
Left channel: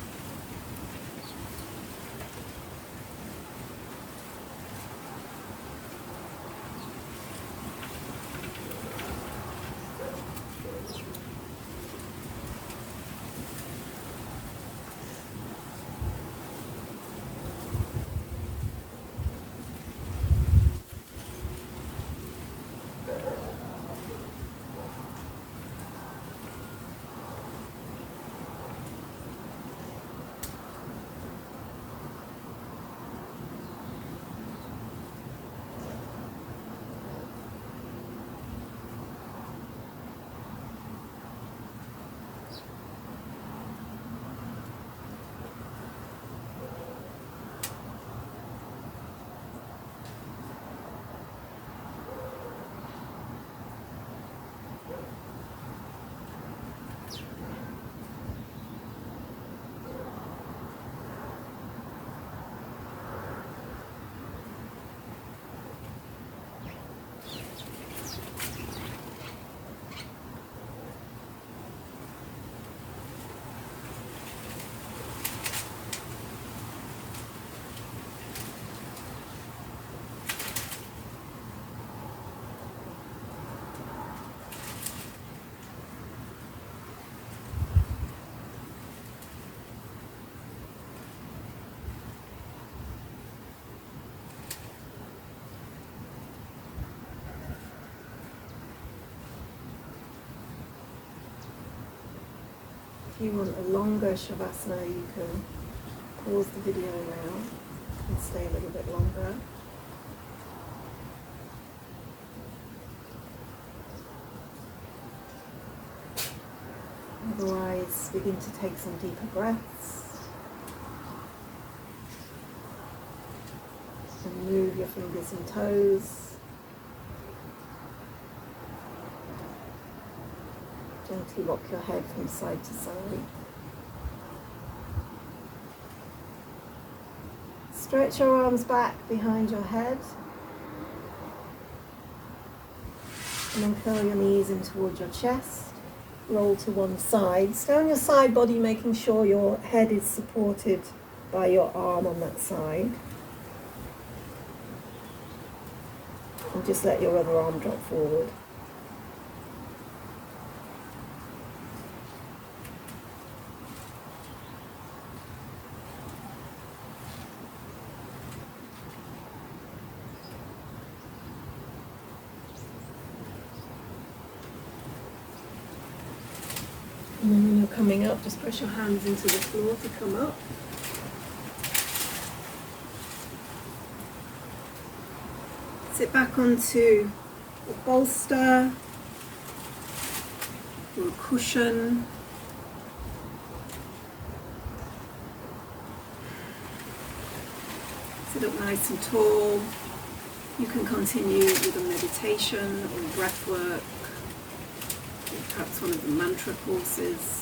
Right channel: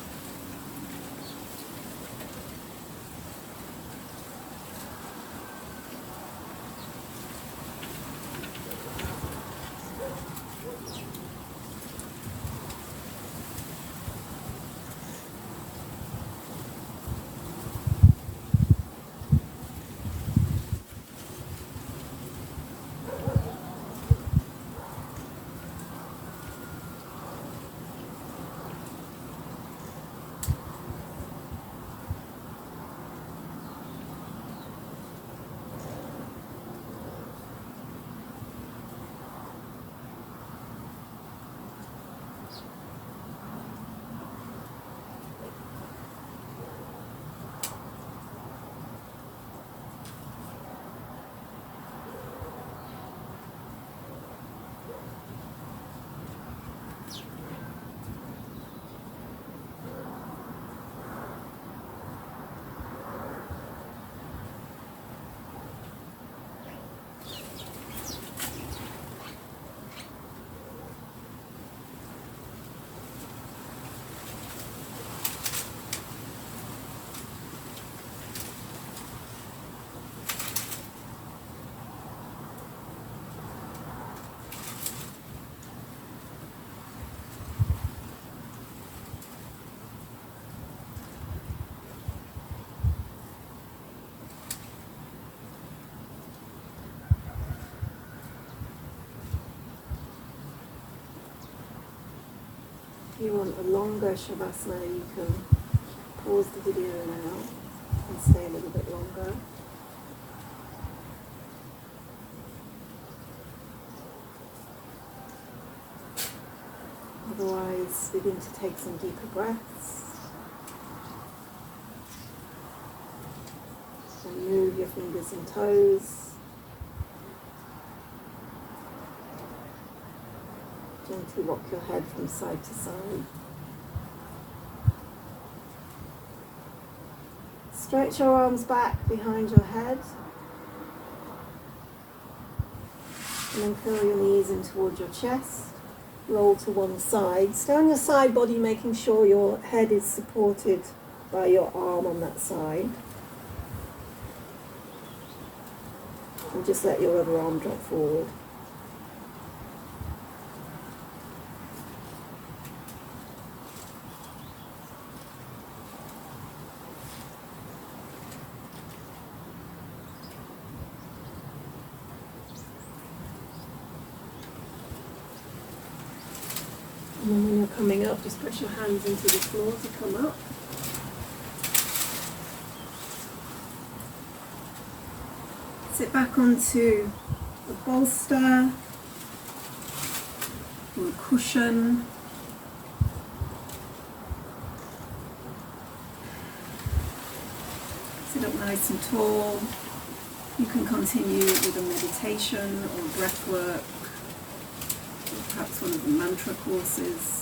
If you want a longer Shavasana, you can pause the video now and stay a little bit longer. Otherwise, begin to take some deeper breaths. And move your fingers and toes. Gently rock your head from side to side. Stretch your arms back behind your head. And then curl your knees in towards your chest. Roll to one side. Stay on your side body, making sure your head is supported by your arm on that side. And just let your other arm drop forward. And then when you're coming up, just press your hands into the floor to come up. Sit back onto a bolster or a cushion. Sit up nice and tall. You can continue with a meditation or breath work, or perhaps one of the mantra courses.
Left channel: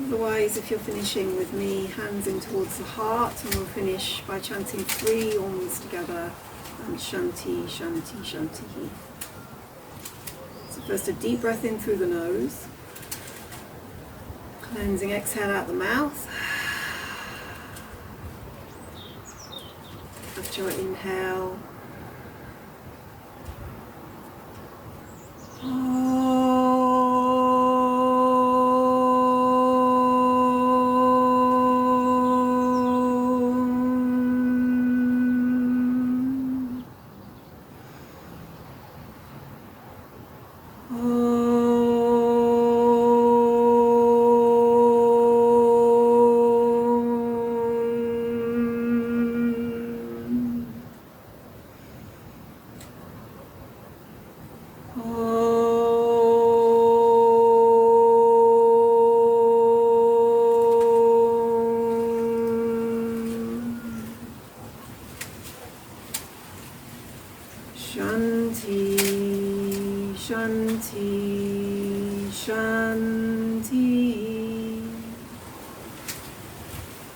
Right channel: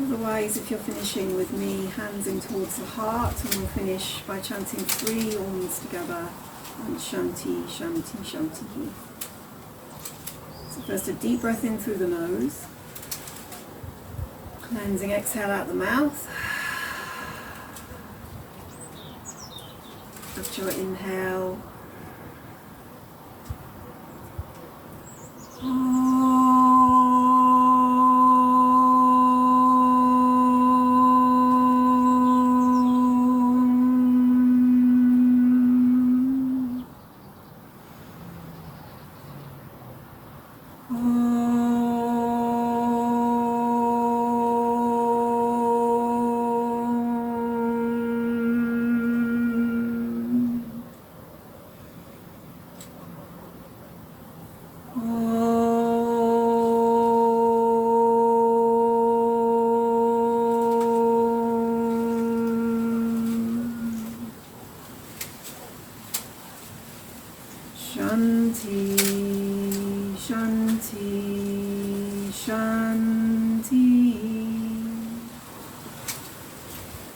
Otherwise, if you're finishing with me, hands in towards the heart, and we'll finish by chanting 3 Oms together, and Shanti, Shanti, Shanti. So first a deep breath in through the nose, cleansing exhale out the mouth. After your inhale, Shanti, Shanti, Shanti.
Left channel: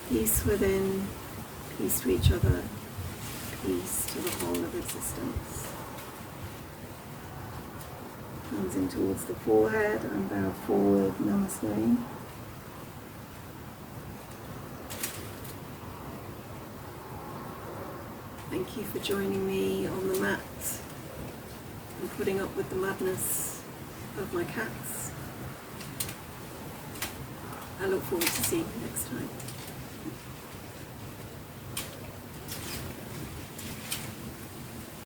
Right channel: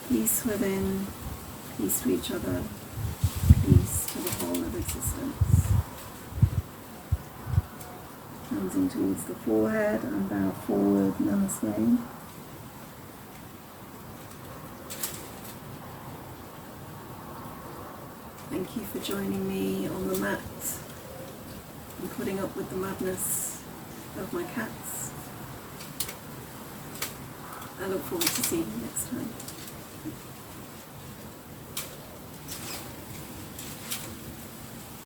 Peace within, peace to each other, peace to the whole of existence. Hands in towards the forehead and bow forward, namaste. Thank you for joining me on the mat and putting up with the madness of my cats. I look forward to seeing you next time.